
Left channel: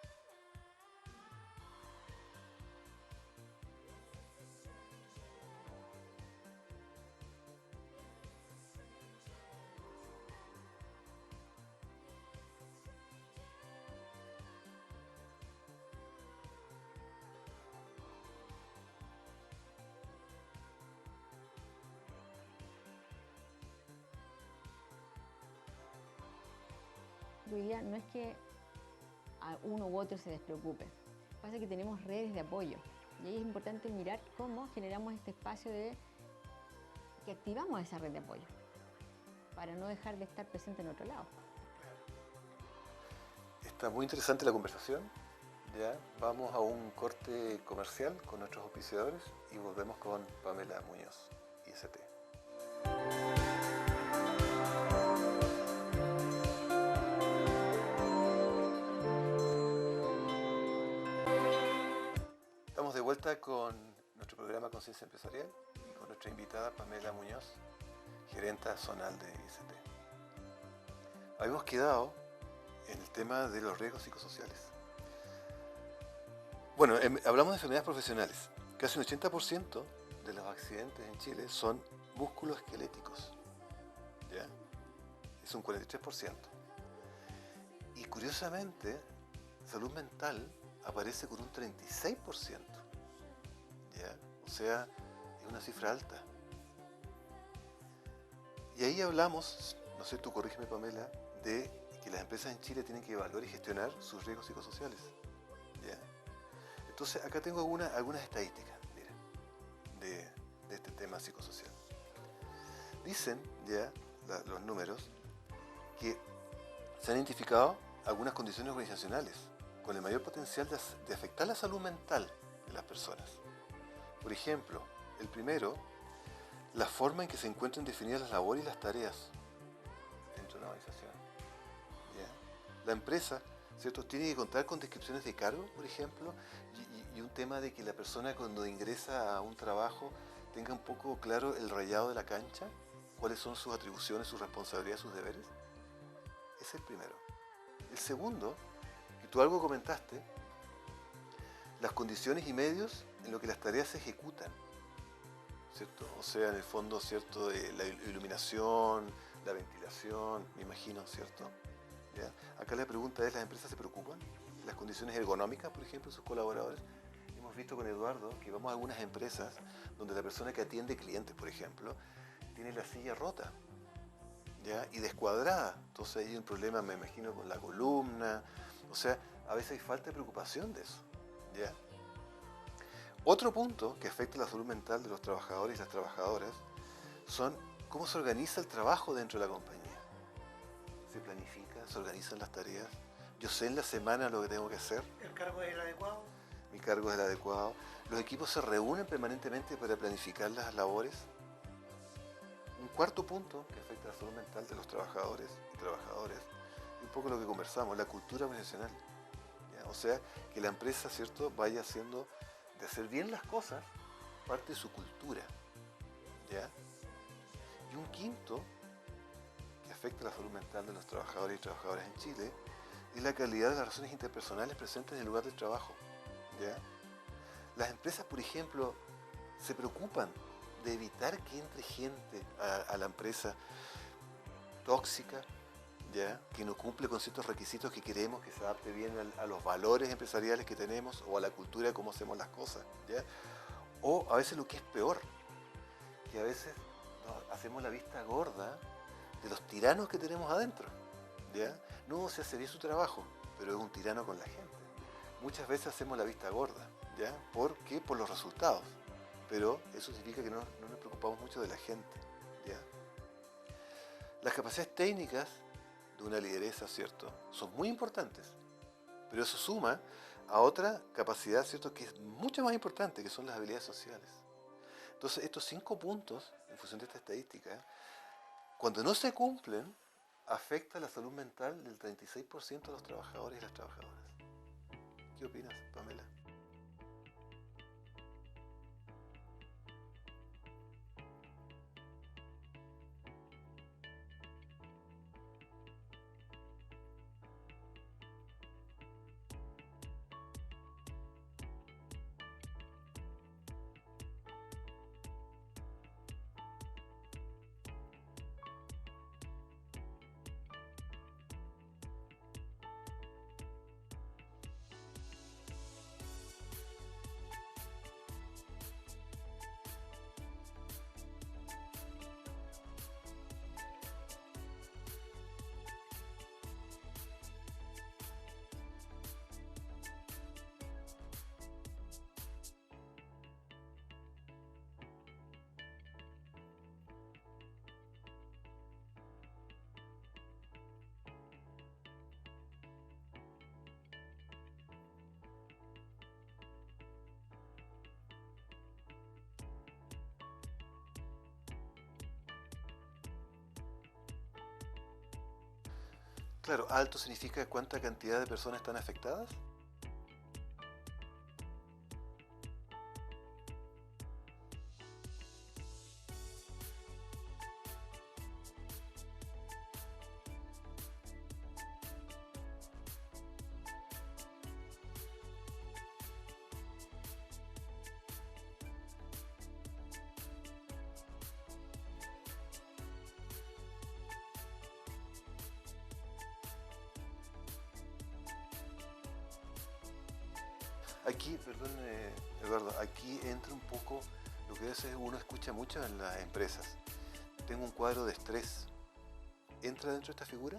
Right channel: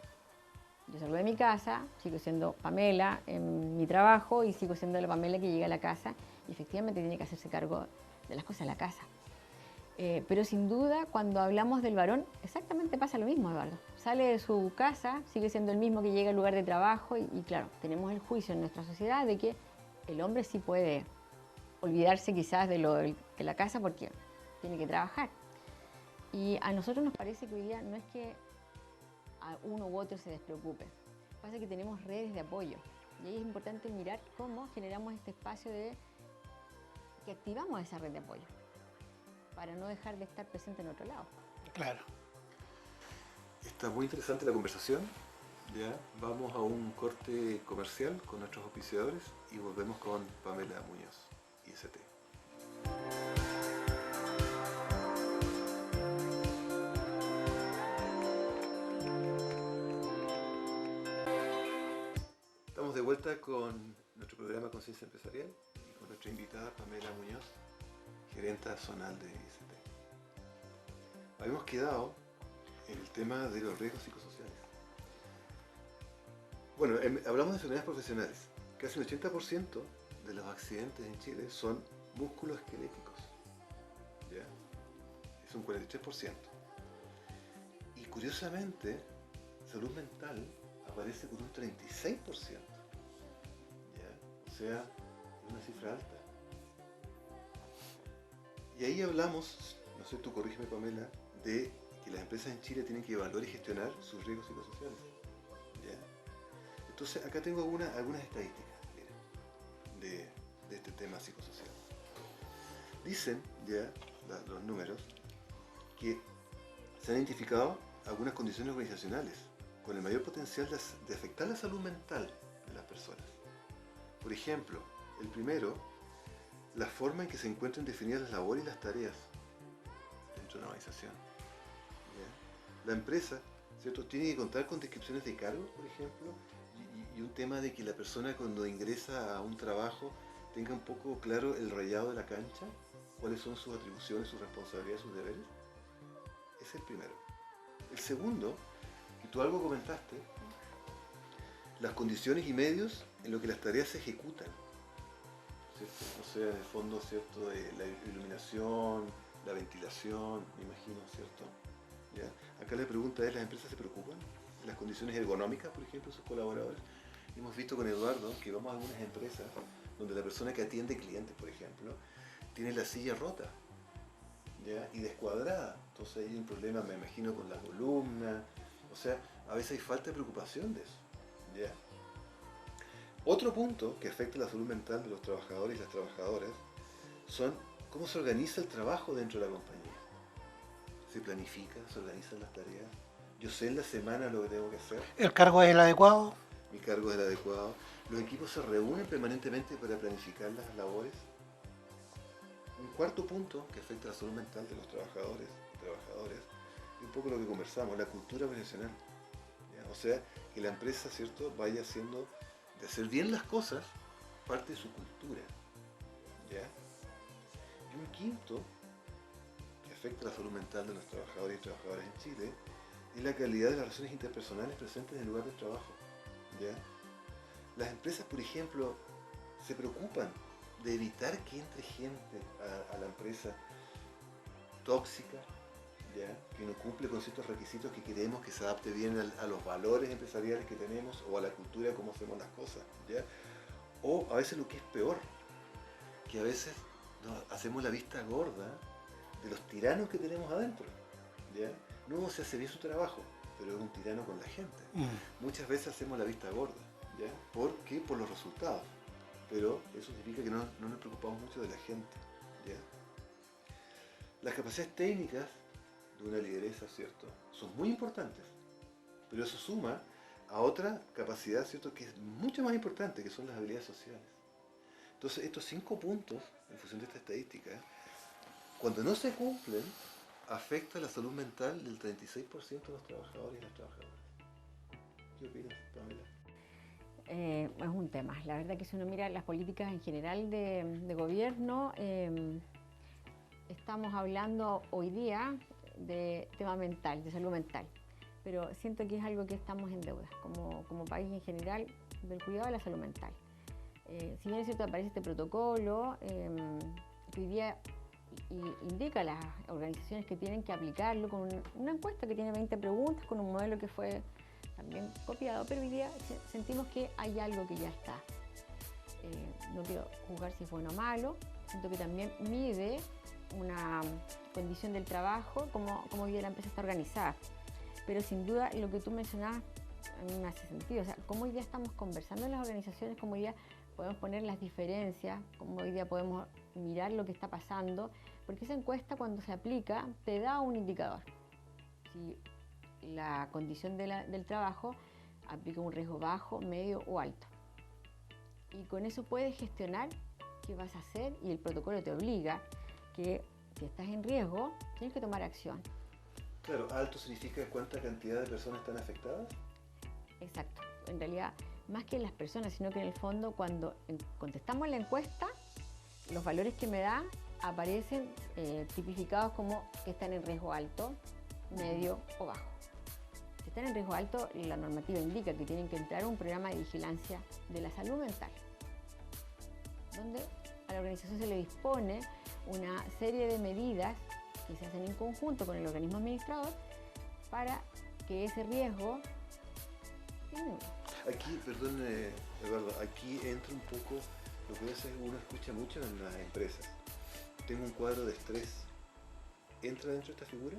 Yo salgo de mi casa, sigo siendo Pamela en mi trabajo y sigo siendo la Pamela que llega a la casa y efectivamente tiene que hacerse cargo de las cosas de la casa. Pero sin duda, cuando hablamos del varón, exactamente pasa lo mismo, Eduardo. Sale de su casa, sigue siendo el mismo que llega al lugar de trabajo y claro, tenemos el juicio en nuestra sociedad de que el hombre sí puede olvidarse quizás de la casa porque tiene que trabajar. Y a nosotros nos parece que hoy día no es que a uno u otro se despreocupe, pasa que tenemos redes de apoyo y ahí es importante mirar cómo generamos este espacio que activamos esa red de apoyo para no dejar de estar presente en otro lado. Claro. Está muy interesante la conversación. Ya vamos a un corte comercial con nuestros auspiciadores y volvemos con Pamela Muñoz, IST. Estamos de vuelta con nuestro programa Conciencia Empresarial y con nuestra invitada Pamela Muñoz, gerenta zonal de IST. Habíamos quedado en el tema de los riesgos psicosociales. Bueno, hablamos de enfermedades profesionales. Casi un 80% de los accidentes en Chile son musculoesqueléticos. ¿Ya? Es un 43%. Y curiosamente, salud mental aparece con un 36%. ¿Ya? O sea, es una cifra alta. Y ahí hablamos, no sé, tú corrígeme, Pamela, de que las empresas en Chile tienen que evaluar y gestionar sus riesgos psicosociales. ¿Ya? Entonces, acá tengo algunas estadísticas, mira, de este tema psicosocial. Dicen ya los números que se han identificado algunas condiciones organizacionales con el mayor potencial de afectar la salud mental de las personas. Por ejemplo, el primero, la forma en que se encuentran definidas las labores y las tareas dentro de una organización. ¿Ya? La empresa, ¿cierto?, tiene que contar con descripciones de cargos, por ejemplo, y un tema de que la persona cuando ingresa a un trabajo tenga un poco claro el rayado de la cancha, cuáles son sus atribuciones, sus responsabilidades, sus deberes. Ese es el primero. El segundo, y tú algo comentaste, las condiciones y medios en los que las tareas se ejecutan, ¿cierto? O sea, en el fondo, ¿cierto?, la iluminación, la ventilación, me imagino, ¿cierto? ¿Ya? Acá la pregunta es, ¿las empresas se preocupan de las condiciones ergonómicas, por ejemplo, de sus colaboradores? Hemos visto con Eduardo que vamos a algunas empresas donde la persona que atiende clientes, por ejemplo, tiene la silla rota, ¿ya?, y descuadrada. Entonces hay un problema, me imagino, con la columna. O sea, a veces hay falta de preocupación de eso, ¿ya? Otro punto que afecta la salud mental de los trabajadores y las trabajadoras son cómo se organiza el trabajo dentro de la compañía. Se planifica, se organizan las tareas. Yo sé en la semana lo que tengo que hacer. ¿El cargo es el adecuado? Mi cargo es el adecuado. Los equipos se reúnen permanentemente para planificar las labores. Un cuarto punto que afecta la salud mental de los trabajadores y trabajadoras, un poco lo que conversamos, la cultura organizacional. ¿Ya? O sea, que la empresa, ¿cierto?, vaya haciendo de hacer bien las cosas parte de su cultura. ¿Ya? Y un quinto que afecta la salud mental de los trabajadores y trabajadoras en Chile es la calidad de las relaciones interpersonales presentes en el lugar de trabajo. ¿Ya? Las empresas, por ejemplo, se preocupan de evitar que entre gente a la empresa tóxica, ¿ya?, que no cumple con ciertos requisitos que queremos que se adapte bien a los valores empresariales que tenemos o a la cultura de cómo hacemos las cosas, ¿ya? O a veces lo que es peor, que a veces hacemos la vista gorda de los tiranos que tenemos adentro, ¿ya? No se hace bien su trabajo, pero es un tirano con la gente. Muchas veces hacemos la vista gorda, ¿ya? ¿Por qué? Por los resultados. Pero eso significa que no nos preocupamos mucho de la gente, ¿ya? Las capacidades técnicas de una lideresa, ¿cierto?, son muy importantes, pero eso suma a otra capacidad, ¿cierto?, que es mucho más importante, que son las habilidades sociales. Entonces, estos 5 puntos, en función de esta estadística, cuando no se cumplen, afecta la salud mental del 36% de los trabajadores y las trabajadoras. ¿Qué opinas, Pamela? Es un tema. La verdad que si uno mira las políticas en general de gobierno, estamos hablando hoy día de tema mental, de salud mental, pero siento que es algo que estamos en deuda, como país en general, del cuidado de la salud mental. Si bien es cierto, aparece este protocolo, que hoy día indica a las organizaciones que tienen que aplicarlo con una encuesta que tiene 20 preguntas, con un modelo que fue también copiado, pero hoy día sentimos que hay algo que ya está. No quiero juzgar si es bueno o malo, siento que también mide una condición del trabajo, como hoy día la empresa está organizada. Pero sin duda lo que tú mencionabas a mí me hace sentido, o sea, cómo hoy día estamos conversando en las organizaciones, cómo hoy día podemos poner las diferencias, cómo hoy día podemos mirar lo que está pasando, porque esa encuesta cuando se aplica te da un indicador. Si la condición del trabajo aplica un riesgo bajo, medio o alto. Y con eso puedes gestionar qué vas a hacer y el protocolo te obliga que si estás en riesgo, tienes que tomar acción. Claro, alto significa cuánta cantidad de personas están afectadas. Exacto. En realidad, más que las personas, sino que en el fondo cuando contestamos la encuesta, los valores que me da aparecen tipificados como que están en riesgo alto, medio o bajo. Si están en riesgo alto, la normativa indica que tienen que entrar a un programa de vigilancia de la salud mental, donde a la organización se le dispone una serie de medidas que se hacen en conjunto con el organismo administrador para que ese riesgo disminuya. Aquí, perdón, Eduardo, aquí entra un poco lo que a veces uno escucha mucho en las empresas. Tengo un cuadro de estrés. ¿Entra dentro de esta figura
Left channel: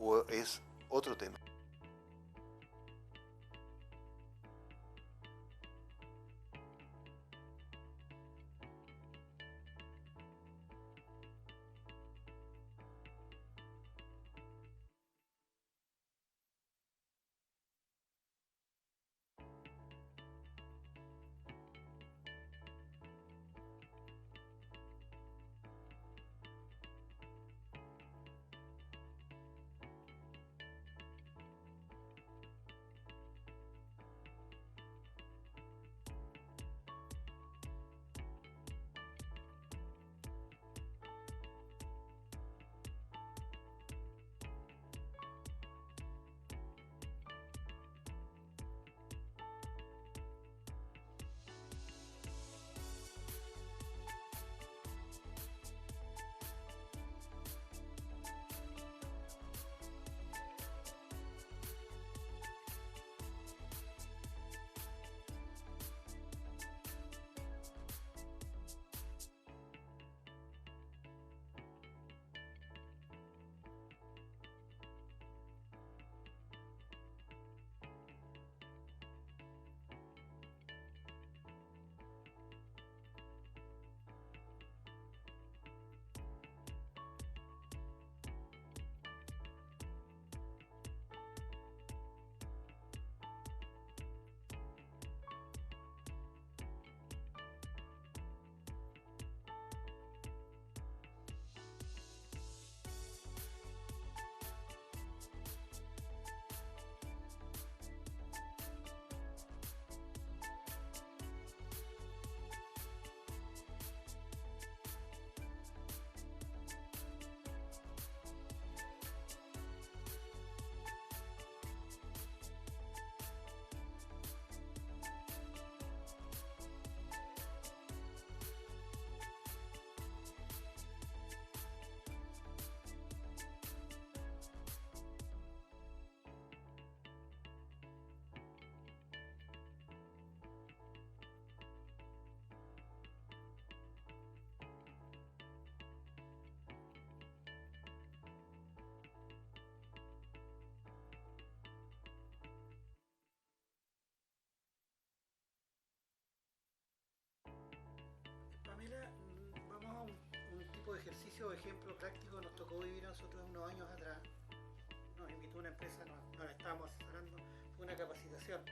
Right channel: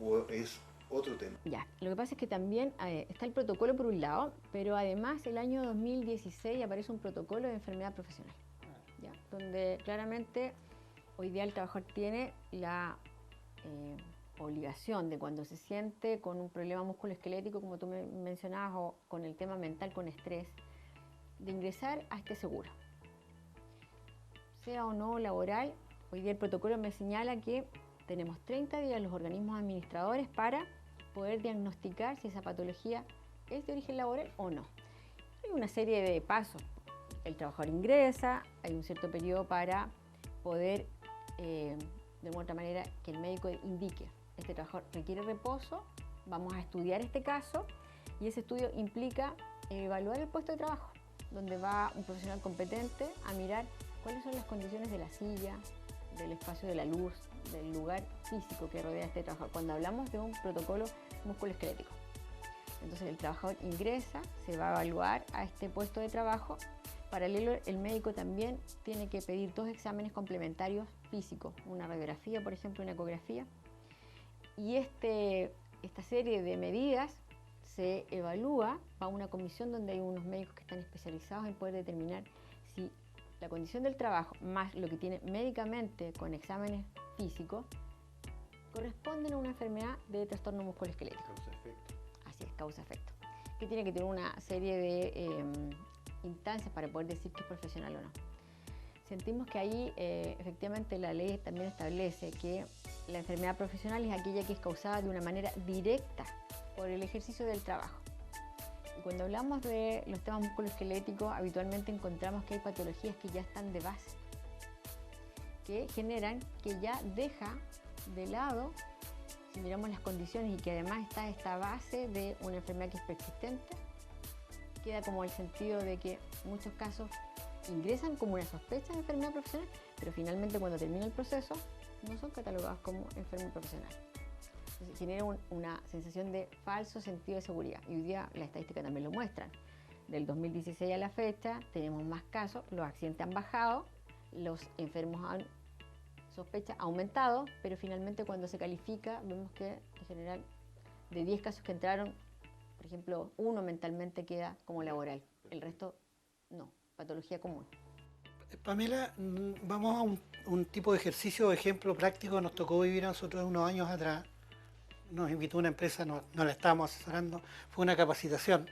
o es otro tema? Ya, lo que pasa es que también está el protocolo por un lado, pero además el año 2016 aparece un protocolo de enfermedad profesional, ¿ya? Donde claramente hoy día el trabajador tiene la obligación de cuando se siente con un problema musculoesquelético, como tú me mencionabas, o con el tema mental, con estrés, de ingresar a este seguro. Sea o no laboral, hoy día el protocolo me señala que tenemos 30 días los organismos administradores para poder diagnosticar si esa patología es de origen laboral o no. Hay una serie de pasos. El trabajador ingresa, hay un cierto periodo para poder, de otra manera, que el médico indique, este trabajador requiere reposo, vamos a estudiar este caso, y ese estudio implica evaluar el puesto de trabajo, donde va un profesional competente a mirar cuáles son las condiciones de la silla, del espacio de la luz, del lugar físico que rodea a este trabajador, cuando hablamos de un protocolo musculoesquelético. Entonces el trabajador ingresa, se va a evaluar a este puesto de trabajo. Paralelo, el médico también tiene que pedir 2 exámenes complementarios físicos, una radiografía, por ejemplo, una ecografía. Y esta serie de medidas se evalúa a una comisión donde hay unos médicos que están especializados en poder determinar si la condición del trabajo, más lo que tiene médicamente con exámenes físicos, corresponden a una enfermedad de trastorno musculoesquelético. Así es, causa-efecto. Que tiene que tener una serie de instancias para poder decir que es profesional o no. Sentimos que ahí efectivamente la ley también establece que la enfermedad profesional es aquella que es causada de una manera directa por el ejercicio del trabajo. Y cuando hablamos de los temas musculoesqueléticos, habitualmente encontramos que hay patologías que ya están de base, que generan que ya deja de lado, si miramos las condiciones y que además está esta base de una enfermedad que es persistente, queda como el sentido de que en muchos casos ingresan como una sospecha de enfermedad profesional, pero finalmente cuando termina el proceso no son catalogados como enfermos profesionales. Entonces, genera una sensación de falso sentido de seguridad, y hoy día las estadísticas también lo muestran. Del 2016 a la fecha tenemos más casos, los accidentes han bajado, los enfermos han sospecha ha aumentado, pero finalmente cuando se califica vemos que en general de 10 casos que entraron, por ejemplo, 1 mentalmente queda como laboral, el resto no, patología común. Pamela, vamos a un tipo de ejercicio o ejemplo práctico que nos tocó vivir a nosotros unos años atrás. Nos invitó una empresa, no la estábamos asesorando, fue una capacitación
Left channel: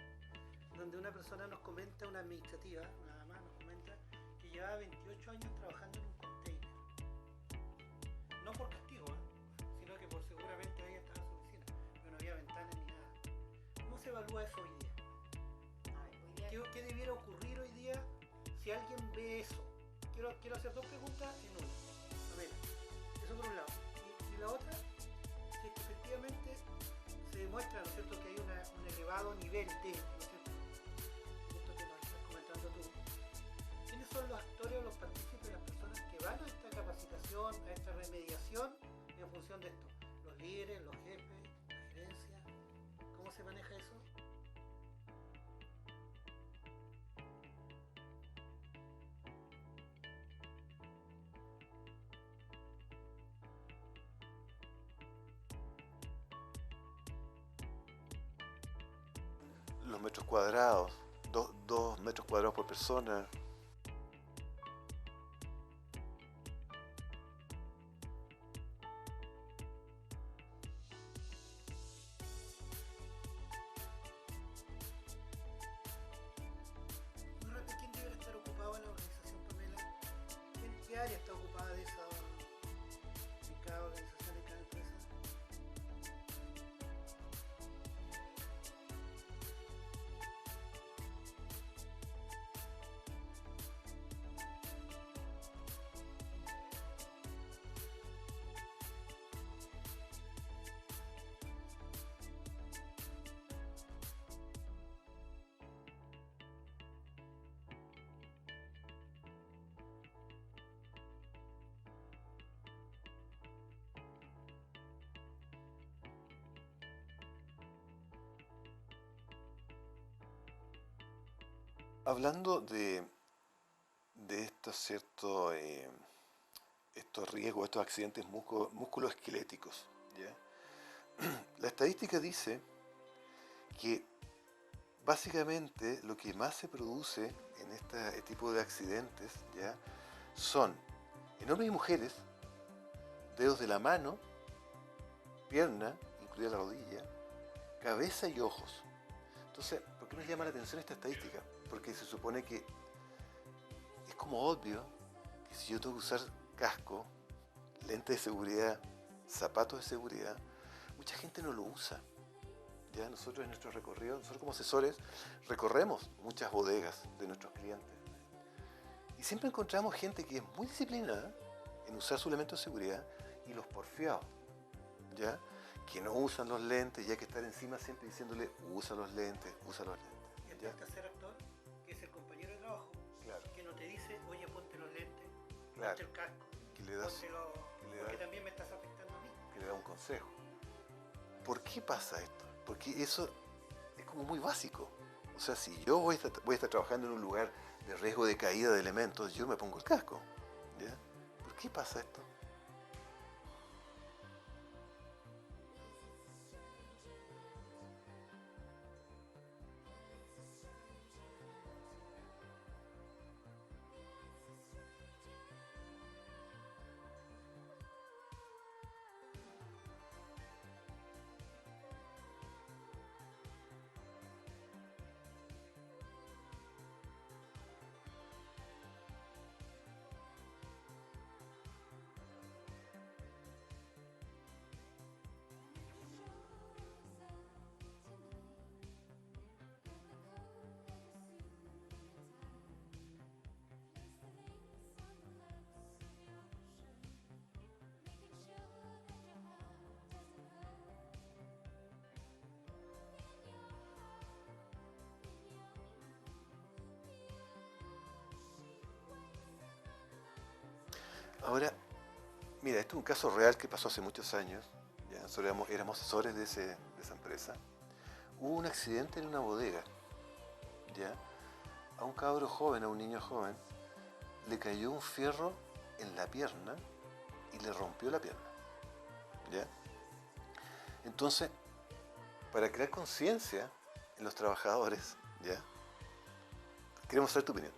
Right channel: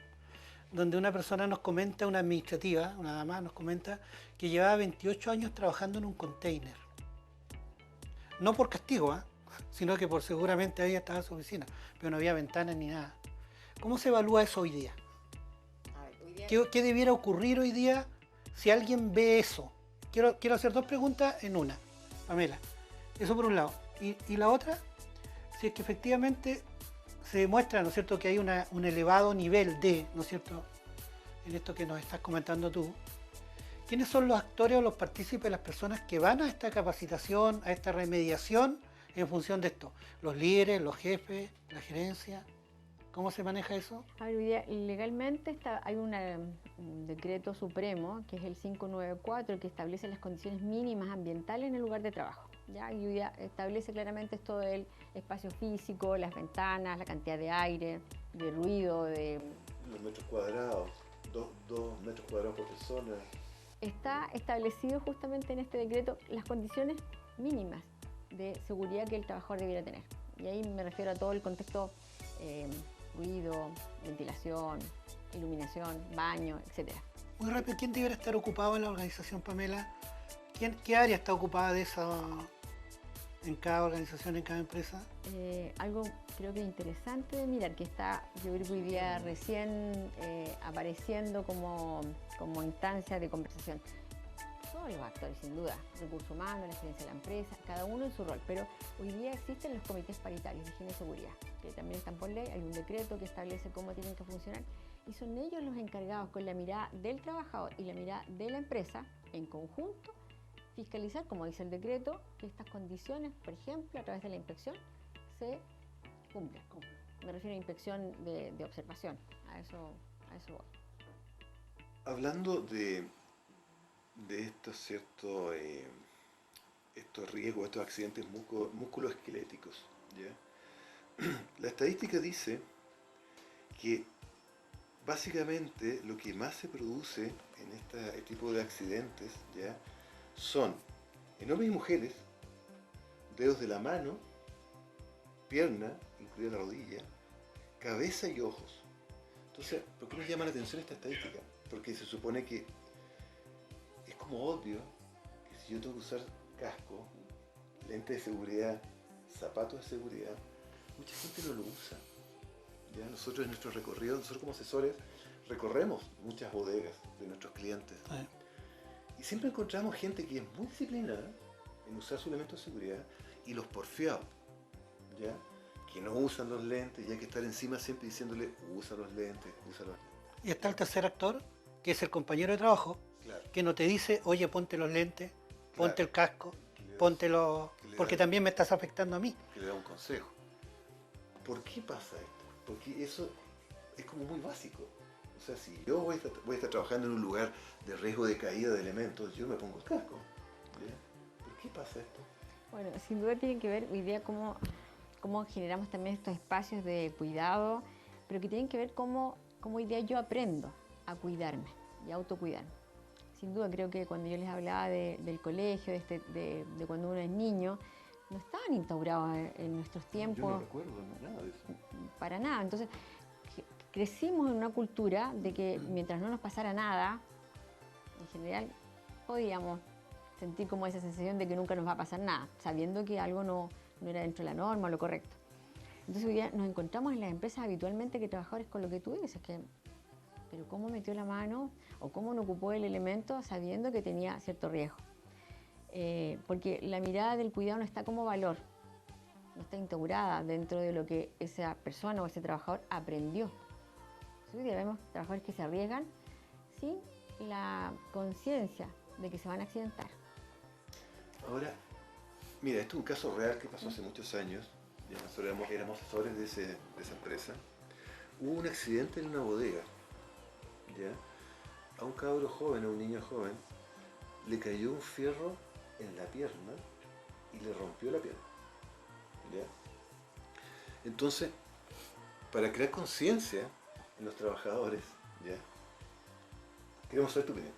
donde una persona nos comenta, una administrativa, una dama nos comenta que llevaba 28 años trabajando en un container. No por castigo, sino que por seguramente ahí estaba su oficina, pero no había ventanas ni nada. ¿Cómo se evalúa eso hoy día? ¿Qué debiera ocurrir hoy día si alguien ve eso? Quiero hacer 2 preguntas en una, Pamela. Eso por un lado. Y la otra, si es que efectivamente se demuestra, ¿no es cierto?, que hay un elevado nivel de, ¿no es cierto?, en esto que nos estás comentando tú. ¿Quiénes son los actores o los partícipes, las personas que van a esta capacitación, a esta remediación en función de esto? ¿Los líderes, los jefes, la gerencia? ¿Cómo se maneja eso? A ver, hoy día, legalmente hay un decreto supremo, que es el 594, que establece las condiciones mínimas ambientales en el lugar de trabajo. ¿Ya? Y hoy día establece claramente esto del espacio físico, las ventanas, la cantidad de aire, de ruido, de... Los metros cuadrados, 2 metros cuadrados por persona. Está establecido justamente en este decreto las condiciones mínimas de seguridad que el trabajador debiera tener. Y ahí me refiero a todo el contexto, ruido, ventilación, iluminación, baño, etc. Muy rápido, ¿quién debiera estar ocupado en la organización, Pamela? ¿Qué área está ocupada de esa en cada organización, en cada empresa? Algo creo que interesante de mirar, que está, yo creo que hoy día recién apareciendo como instancia de conversación. Todos los actores, sin duda, recursos humanos, la gerencia de la empresa, cada uno en su rol, pero hoy día existen los comités paritarios de higiene y seguridad, que también están por ley, hay un decreto que establece cómo tienen que funcionar, y son ellos los encargados, con la mirada del trabajador y la mirada de la empresa, en conjunto, fiscalizar, como dice el decreto, que estas condiciones, por ejemplo, a través de la inspección, se cumplen. Me refiero a inspección de observación, a eso voy. Hablando de estos ciertos estos riesgos, estos accidentes musculoesqueléticos, ¿ya? La estadística dice que básicamente lo que más se produce en este tipo de accidentes, ¿ya?, son en hombres y mujeres, dedos de la mano pierna, incluida la rodilla, cabeza y ojos. Entonces, ¿por qué nos llama la atención esta estadística? Porque se supone que es como obvio que si yo tengo que usar casco, lente de seguridad, zapatos de seguridad, mucha gente no lo usa. ¿Ya? Nosotros en nuestro recorrido, nosotros como asesores, recorremos muchas bodegas de nuestros clientes. Y siempre encontramos gente que es muy disciplinada en usar su elemento de seguridad y los porfiados, ¿ya? Que no usan los lentes, y hay que estar encima siempre diciéndole, usa los lentes, usa los lentes. Y está el tercer actor, que es el compañero de trabajo, Claro. que no te dice, oye, ponte los lentes, ponte Claro. el casco, Que le das- póntelo, que le porque das- también me estás afectando a mí. que le da un consejo. ¿Por qué pasa esto? Porque eso es como muy básico. O sea, si yo voy a estar trabajando en un lugar de riesgo de caída de elementos, yo me pongo el casco. ¿Ya? ¿Por qué pasa esto? Bueno, sin duda tiene que ver hoy día cómo generamos también estos espacios de cuidado, pero que tienen que ver cómo hoy día yo aprendo a cuidarme y a autocuidarme. Sin duda creo que cuando yo les hablaba del colegio, de cuando uno es niño, no estaban instaurados en nuestros tiempos recuerdo nada de eso. para nada. Entonces crecimos en una cultura de que mientras no nos pasara nada, en general podíamos sentir como esa sensación de que nunca nos va a pasar nada, sabiendo que algo no era dentro de la norma, lo correcto. Entonces hoy día nos encontramos en las empresas habitualmente que trabajadores con lo que tú dices, pero cómo metió la mano o cómo no ocupó el elemento sabiendo que tenía cierto riesgo. Porque la mirada del cuidado no está como valor, no está instaurada dentro de lo que esa persona o ese trabajador aprendió. Hoy día vemos trabajadores que se arriesgan sin la conciencia de que se van a accidentar. Ahora, mira, esto es un caso real que pasó hace muchos años. Ya nosotros éramos asesores de esa empresa. Hubo un accidente en una bodega. ¿Ya? A un cabro joven, a un niño joven, le cayó un fierro en la pierna y le rompió la pierna. ¿Ya? Entonces, para crear conciencia en los trabajadores, ¿ya? Queremos saber tu opinión.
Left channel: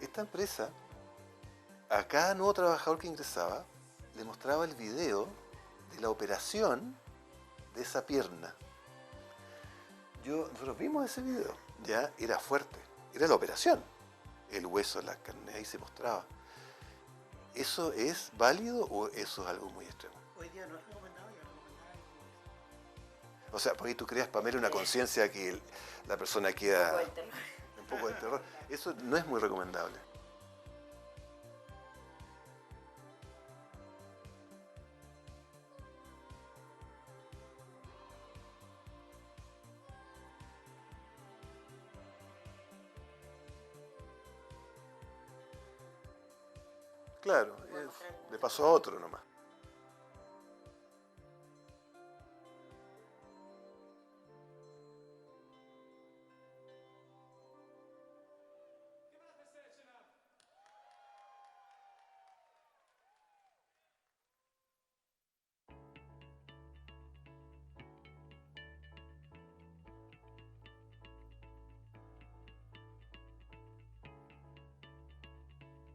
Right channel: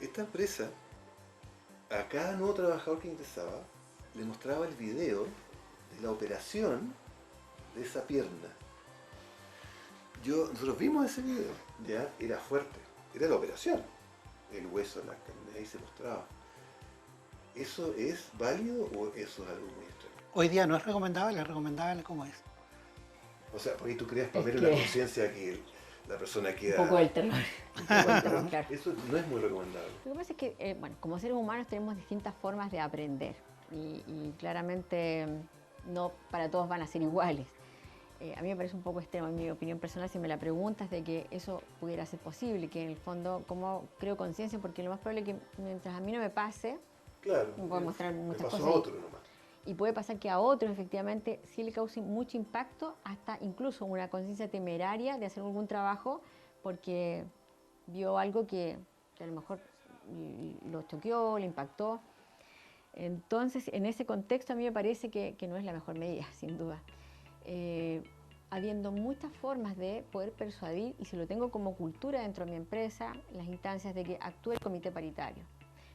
Esta empresa, a cada nuevo trabajador que ingresaba, le mostraba el video de la operación de esa pierna. Nosotros vimos ese video, ya era fuerte, era la operación. El hueso, la carne, ahí se mostraba. ¿Eso es válido o eso es algo muy extremo? Hoy día no es recomendable como es. O sea, por ahí tú creas para ver una conciencia que la persona queda... Un poco del terror. un poco del terror. Claro. Eso no es muy recomendable. Lo que pasa es que, bueno, como seres humanos tenemos distintas formas de aprender y claramente no para todos van a ser iguales. A mí me parece un poco extremo, en mi opinión personal, si me la preguntas de que eso pudiera ser posible, que en el fondo, ¿cómo creo conciencia? Porque lo más probable es que mientras a mí no me pase, Claro, me puede mostrar le muchas pasó cosas. a otro nomás. Y puede pasar que a otros efectivamente sí le cause mucho impacto, hasta incluso una conciencia temeraria de hacer algún trabajo porque vio algo que a lo mejor lo choqueó, le impactó. Entonces, en ese contexto a mí me parece que no es la mejor medida, sin duda. Habiendo muchas formas de poder persuadir, y si lo tengo como cultura dentro de mi empresa, las instancias de que actúe el comité paritario,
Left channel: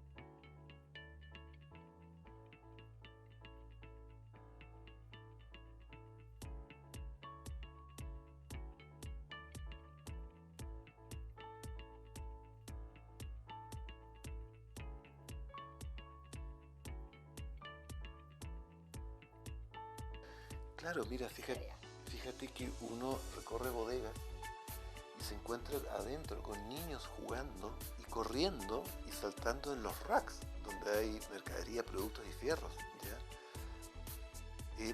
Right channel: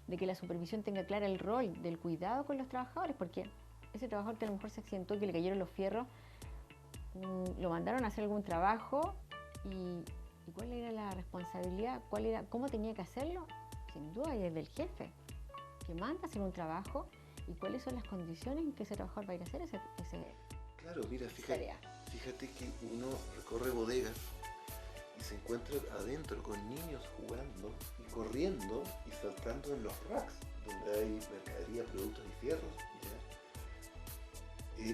de que la supervisión tenga clara el rol del cuidado con los trabajadores, porque ese trabajador que a lo mejor se accidentó, que le cayeron los fierros, lo mandaron a hacer algún trabajo y cuál era la responsabilidad, cómo tenía que hacerlo, sin duda es del jefe, que manda a hacer un trabajo y cuáles son las condiciones en que ese trabajador va a ir a hacer ese Claro, mira, fíjate que uno recorre bodegas y se encuentra adentro con niños jugando y corriendo y saltando en los racks donde hay mercadería, productos y fierros. ¿Ya?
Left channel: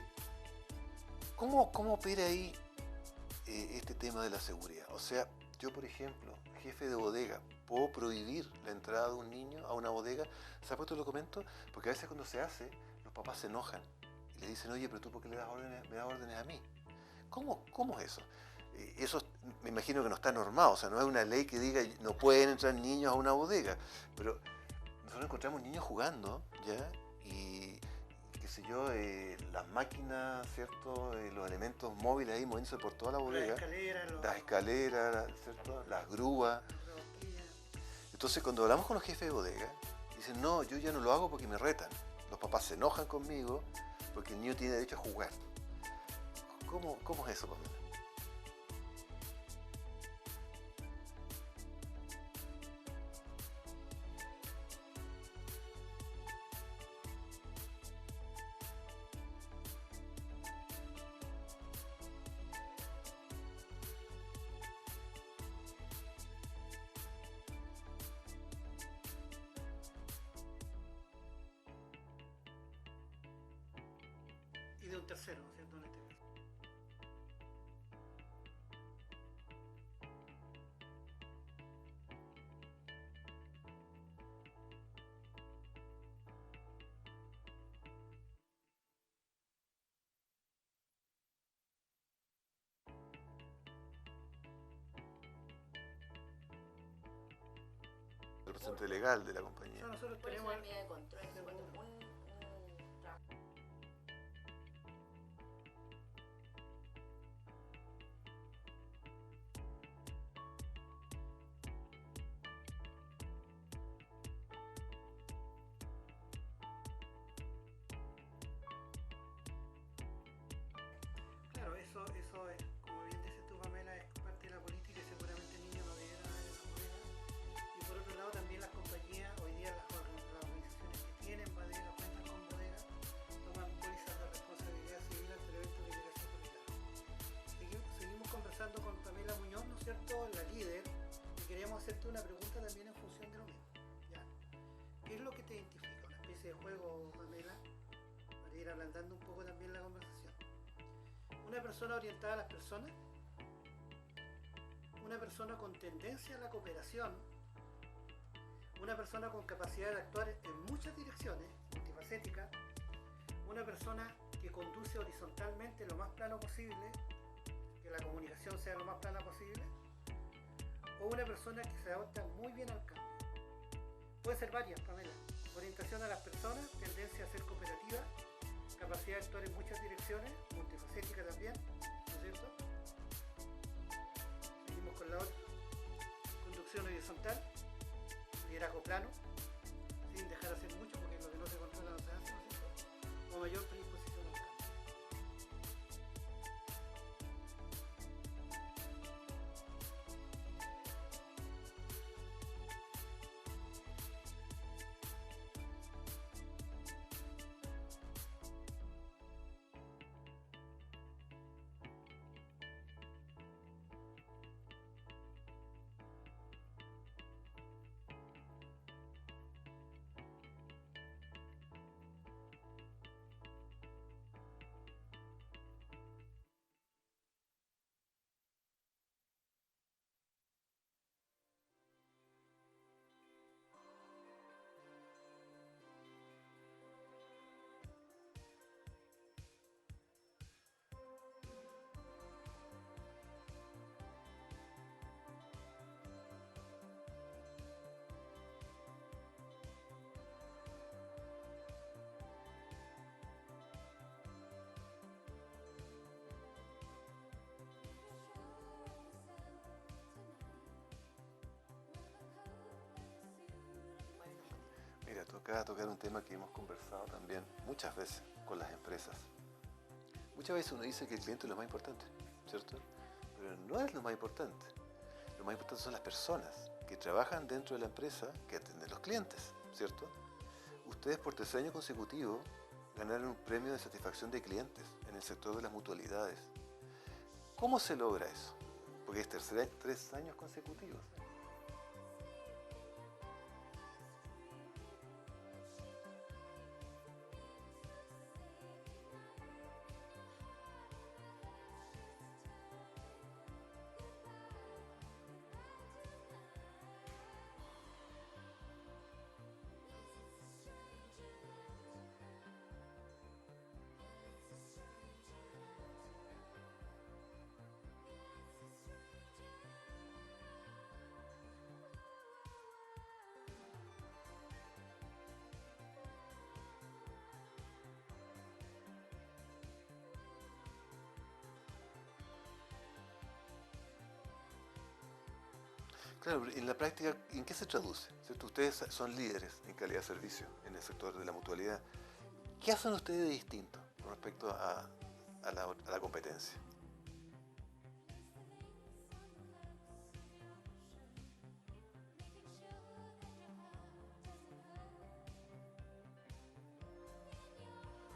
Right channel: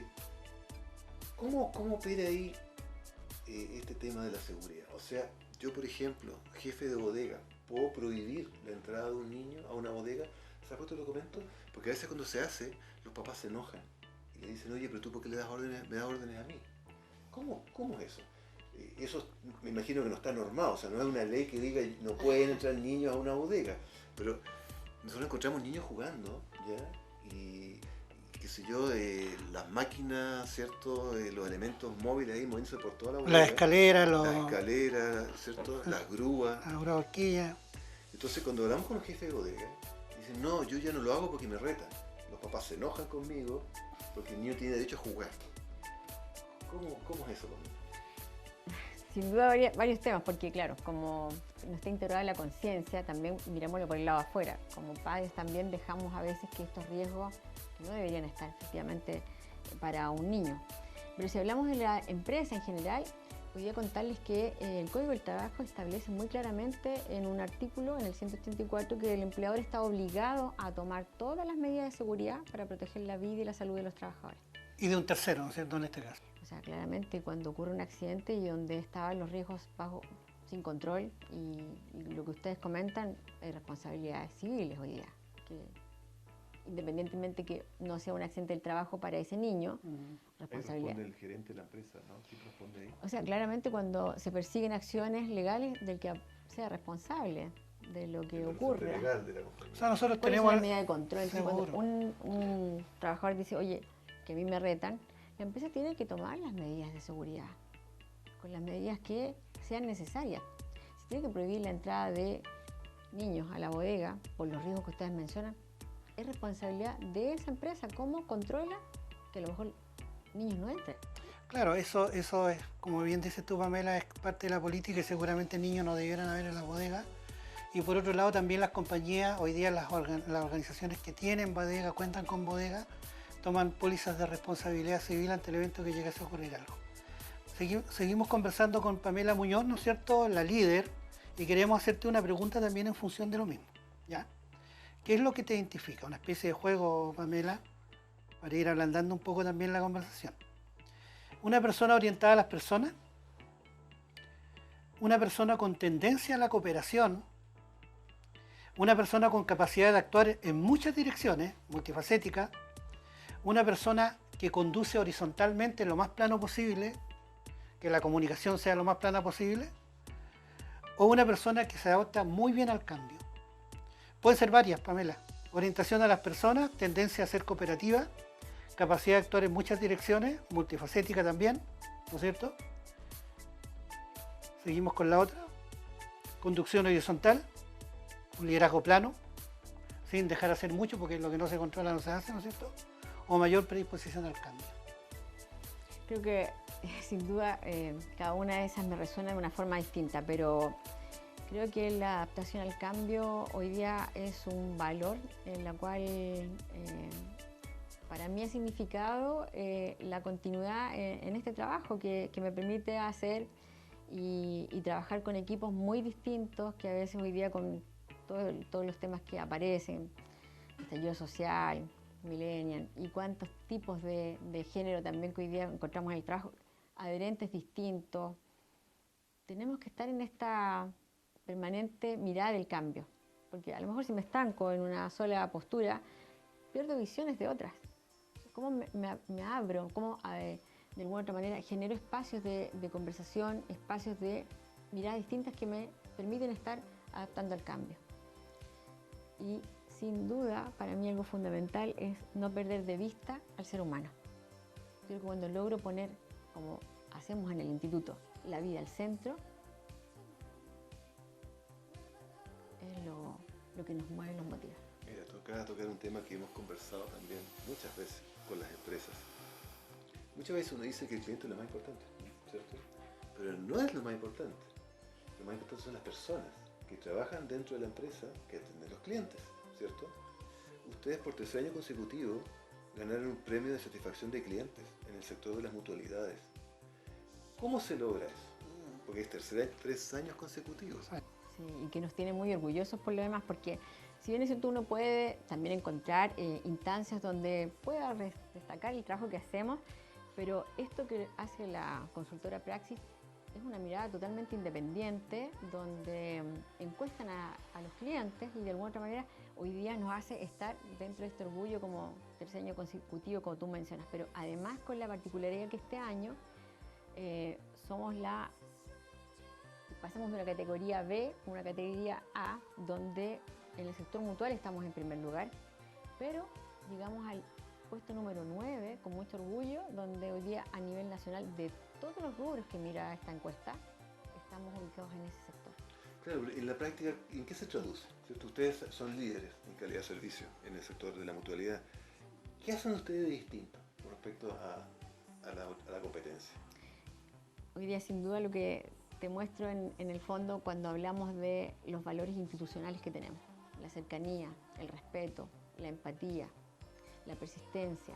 ¿Cómo opera ahí este tema de la seguridad? O sea, yo por ejemplo, jefe de bodega, ¿puedo prohibir la entrada de un niño a una bodega? ¿Sabes por qué te lo comento? Porque a veces cuando se hace, los papás se enojan y le dicen, oye, pero tú ¿por qué me das órdenes a mí? ¿Cómo es eso? Eso me imagino que no está normado, o sea, no es una ley que diga no pueden entrar niños a una bodega, pero nosotros encontramos niños jugando, ¿ya? Y qué sé yo, las máquinas, ¿cierto? Los elementos móviles ahí moviéndose por toda la bodega. Las escaleras, ¿cierto? Las grúas. la horquilla. Entonces cuando hablamos con los jefes de bodega, dicen, no, yo ya no lo hago porque me retan. Los papás se enojan conmigo porque el niño tiene derecho a jugar. ¿Cómo es eso, Pamela? Sin duda varios temas, porque claro, como no está integrada la conciencia, también mirémoslo por el lado afuera. Como padres también dejamos a veces que estos riesgos no deberían estar efectivamente para un niño. Pero si hablamos de la empresa en general, podría contarles que el Código del Trabajo establece muy claramente en un artículo, en el 184, que el empleador está obligado a tomar todas las medidas de seguridad para proteger la vida y la salud de los trabajadores. Y de un tercero, ¿no es cierto?, en este caso. O sea, claramente cuando ocurre un accidente y donde estaban los riesgos sin control y lo que ustedes comentan es responsabilidades civiles hoy día. Que independientemente que no sea un accidente del trabajo para ese niño, responsabilidad. Ahí responde el gerente de la empresa, ¿no? ¿Quién responde ahí? O sea, claramente cuando se persiguen acciones legales del que sea responsable de lo que ocurre. Legal de la compañía. O sea, nosotros ¿Cuál tenemos... es la medida de control? Seguro. Cuando un trabajador dice, oye, que a mí me retan, la empresa tiene que tomar las medidas de seguridad, con las medidas que sean necesarias. Si tiene que prohibir la entrada de niños a la bodega por los riesgos que ustedes mencionan, es responsabilidad de esa empresa cómo controla que a lo mejor niños no entren. Claro, eso es, como bien dices tú, Pamela, es parte de la política y seguramente niños no debieran haber en las bodegas. Y por otro lado también las compañías, hoy día las organizaciones que tienen bodega, cuentan con bodega, toman pólizas de responsabilidad civil ante el evento que llegase a ocurrir algo. Seguimos conversando con Pamela Muñoz, ¿no es cierto?, la líder, y queremos hacerte una pregunta también en función de lo mismo, ¿ya? ¿Qué es lo que te identifica? Una especie de juego, Pamela, para ir ablandando un poco también la conversación. Una persona orientada a las personas, una persona con tendencia a la cooperación, una persona con capacidad de actuar en muchas direcciones, multifacética, una persona que conduce horizontalmente lo más plano posible, que la comunicación sea lo más plana posible, o una persona que se adapta muy bien al cambio. Pueden ser varias, Pamela. Orientación a las personas, tendencia a ser cooperativa, capacidad de actuar en muchas direcciones, multifacética también, ¿no es cierto? Seguimos con la otra. Conducción horizontal, un liderazgo plano, sin dejar hacer mucho, porque lo que no se controla no se hace, ¿no es cierto? O mayor predisposición al cambio. Creo que sin duda cada una de esas me resuena de una forma distinta, pero creo que la adaptación al cambio hoy día es un valor en la cual para mí ha significado la continuidad en este trabajo que me permite hacer y trabajar con equipos muy distintos que a veces hoy día con todos los temas que aparecen, estallido social, millennial y cuántos tipos de género también que hoy día encontramos en el trabajo, adherentes distintos. Tenemos que estar en esta permanente mirada del cambio, porque a lo mejor si me estanco en una sola postura, pierdo visiones de otras. ¿Cómo me abro? ¿Cómo de alguna u otra manera genero espacios de conversación, espacios de miradas distintas que me permiten estar adaptando al cambio? Y sin duda, para mí algo fundamental es no perder de vista al ser humano. Yo creo que cuando logro poner, como hacemos en el instituto, la vida al centro, es lo que nos mueve y nos motiva. Mira, toca tocar un tema que hemos conversado también muchas veces con las empresas. Muchas veces uno dice que el cliente es lo más importante, ¿cierto? Pero no es lo más importante. Lo más importante son las personas que trabajan dentro de la empresa que atienden a los clientes, ¿cierto? Ustedes por tercer año consecutivo ganaron un premio de satisfacción de clientes en el sector de las mutualidades. ¿Cómo se logra eso? Porque es 3 años consecutivos. Sí, y que nos tiene muy orgullosos por lo demás, porque si bien es cierto uno puede también encontrar instancias donde pueda destacar el trabajo que hacemos, pero esto que hace la consultora Praxis es una mirada totalmente independiente, donde encuestan a los clientes y de alguna otra manera hoy día nos hace estar dentro de este orgullo como tercer año consecutivo, como tú mencionas, pero además con la particularidad que este año pasamos de una categoría B a una categoría A, donde en el sector mutual estamos en primer lugar, pero llegamos al puesto número 9 con mucho orgullo, donde hoy día a nivel nacional de todos los rubros que mira esta encuesta, estamos ubicados en ese sector. Claro, en la práctica, ¿en qué se traduce? ¿Cierto? Ustedes son líderes en calidad de servicio en el sector de la mutualidad. ¿Qué hacen ustedes de distinto con respecto a a la competencia? Hoy día, sin duda, lo que te muestro en el fondo cuando hablamos de los valores institucionales que tenemos, la cercanía, el respeto, la empatía, la persistencia,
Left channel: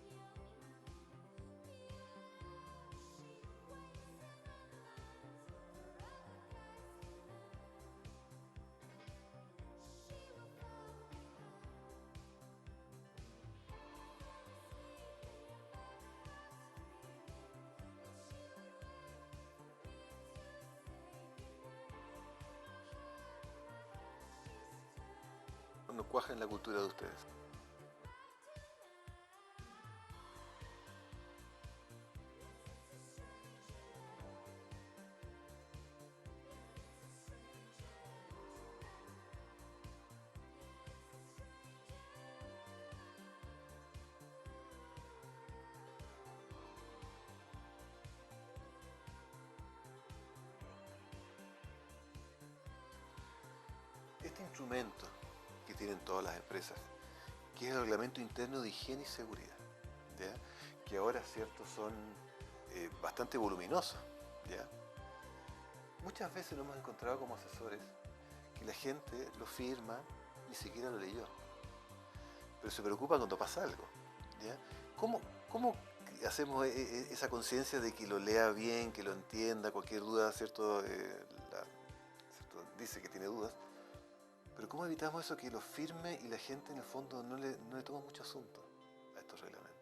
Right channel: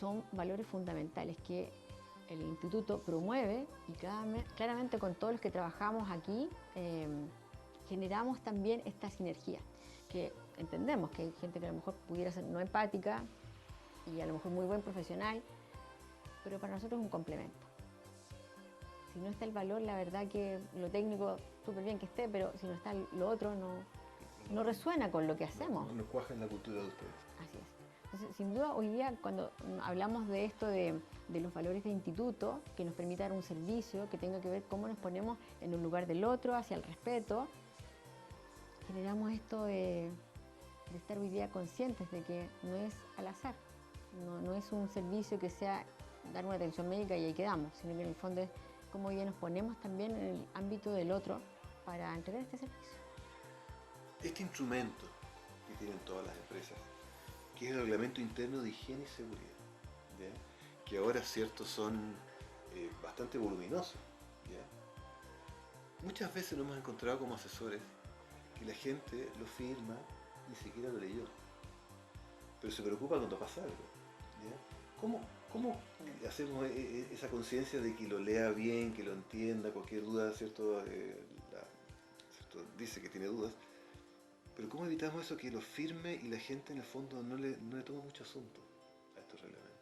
son valores fundamentales que el instituto promueve y claramente con todos los que trabajamos aquí generamos también esta sinergia, que entendemos que hay gente que a lo mejor pudiera ser no empática y a lo mejor muy buen profesional, pero para nosotros es un complemento. Si no está el valor, la verdad que lo técnico, súper bien que esté, pero si no está lo otro, no resuena con lo que hacemos. No cuaja en la cultura de ustedes. Así es. Entonces, sin duda, hoy día, cuando hablamos de esto de los valores del instituto, que nos permita dar un servicio, que tenga que ver cómo nos ponemos en el lugar del otro, hacia el respeto, generamos esto de estar hoy día conscientes de que no es al azar, no es un servicio que sea dar una atención médica y ahí quedamos, sino que en el fondo es cómo hoy día nos ponemos también en el ámbito del otro para entregar este servicio. Este instrumento que tienen todas las empresas, que es el reglamento interno de higiene y seguridad, ¿ya? Que ahora, cierto, son bastante voluminosos, ¿ya? Muchas veces nos hemos encontrado como asesores que la gente lo firma, ni siquiera lo leyó, pero se preocupa cuando pasa algo, ¿ya? ¿Cómo hacemos esa conciencia de que lo lea bien, que lo entienda, cualquier duda, ¿cierto? ¿Cierto? Dice que tiene dudas, pero ¿cómo evitamos eso, que lo firme y la gente en el fondo no le toma mucho asunto a estos reglamentos?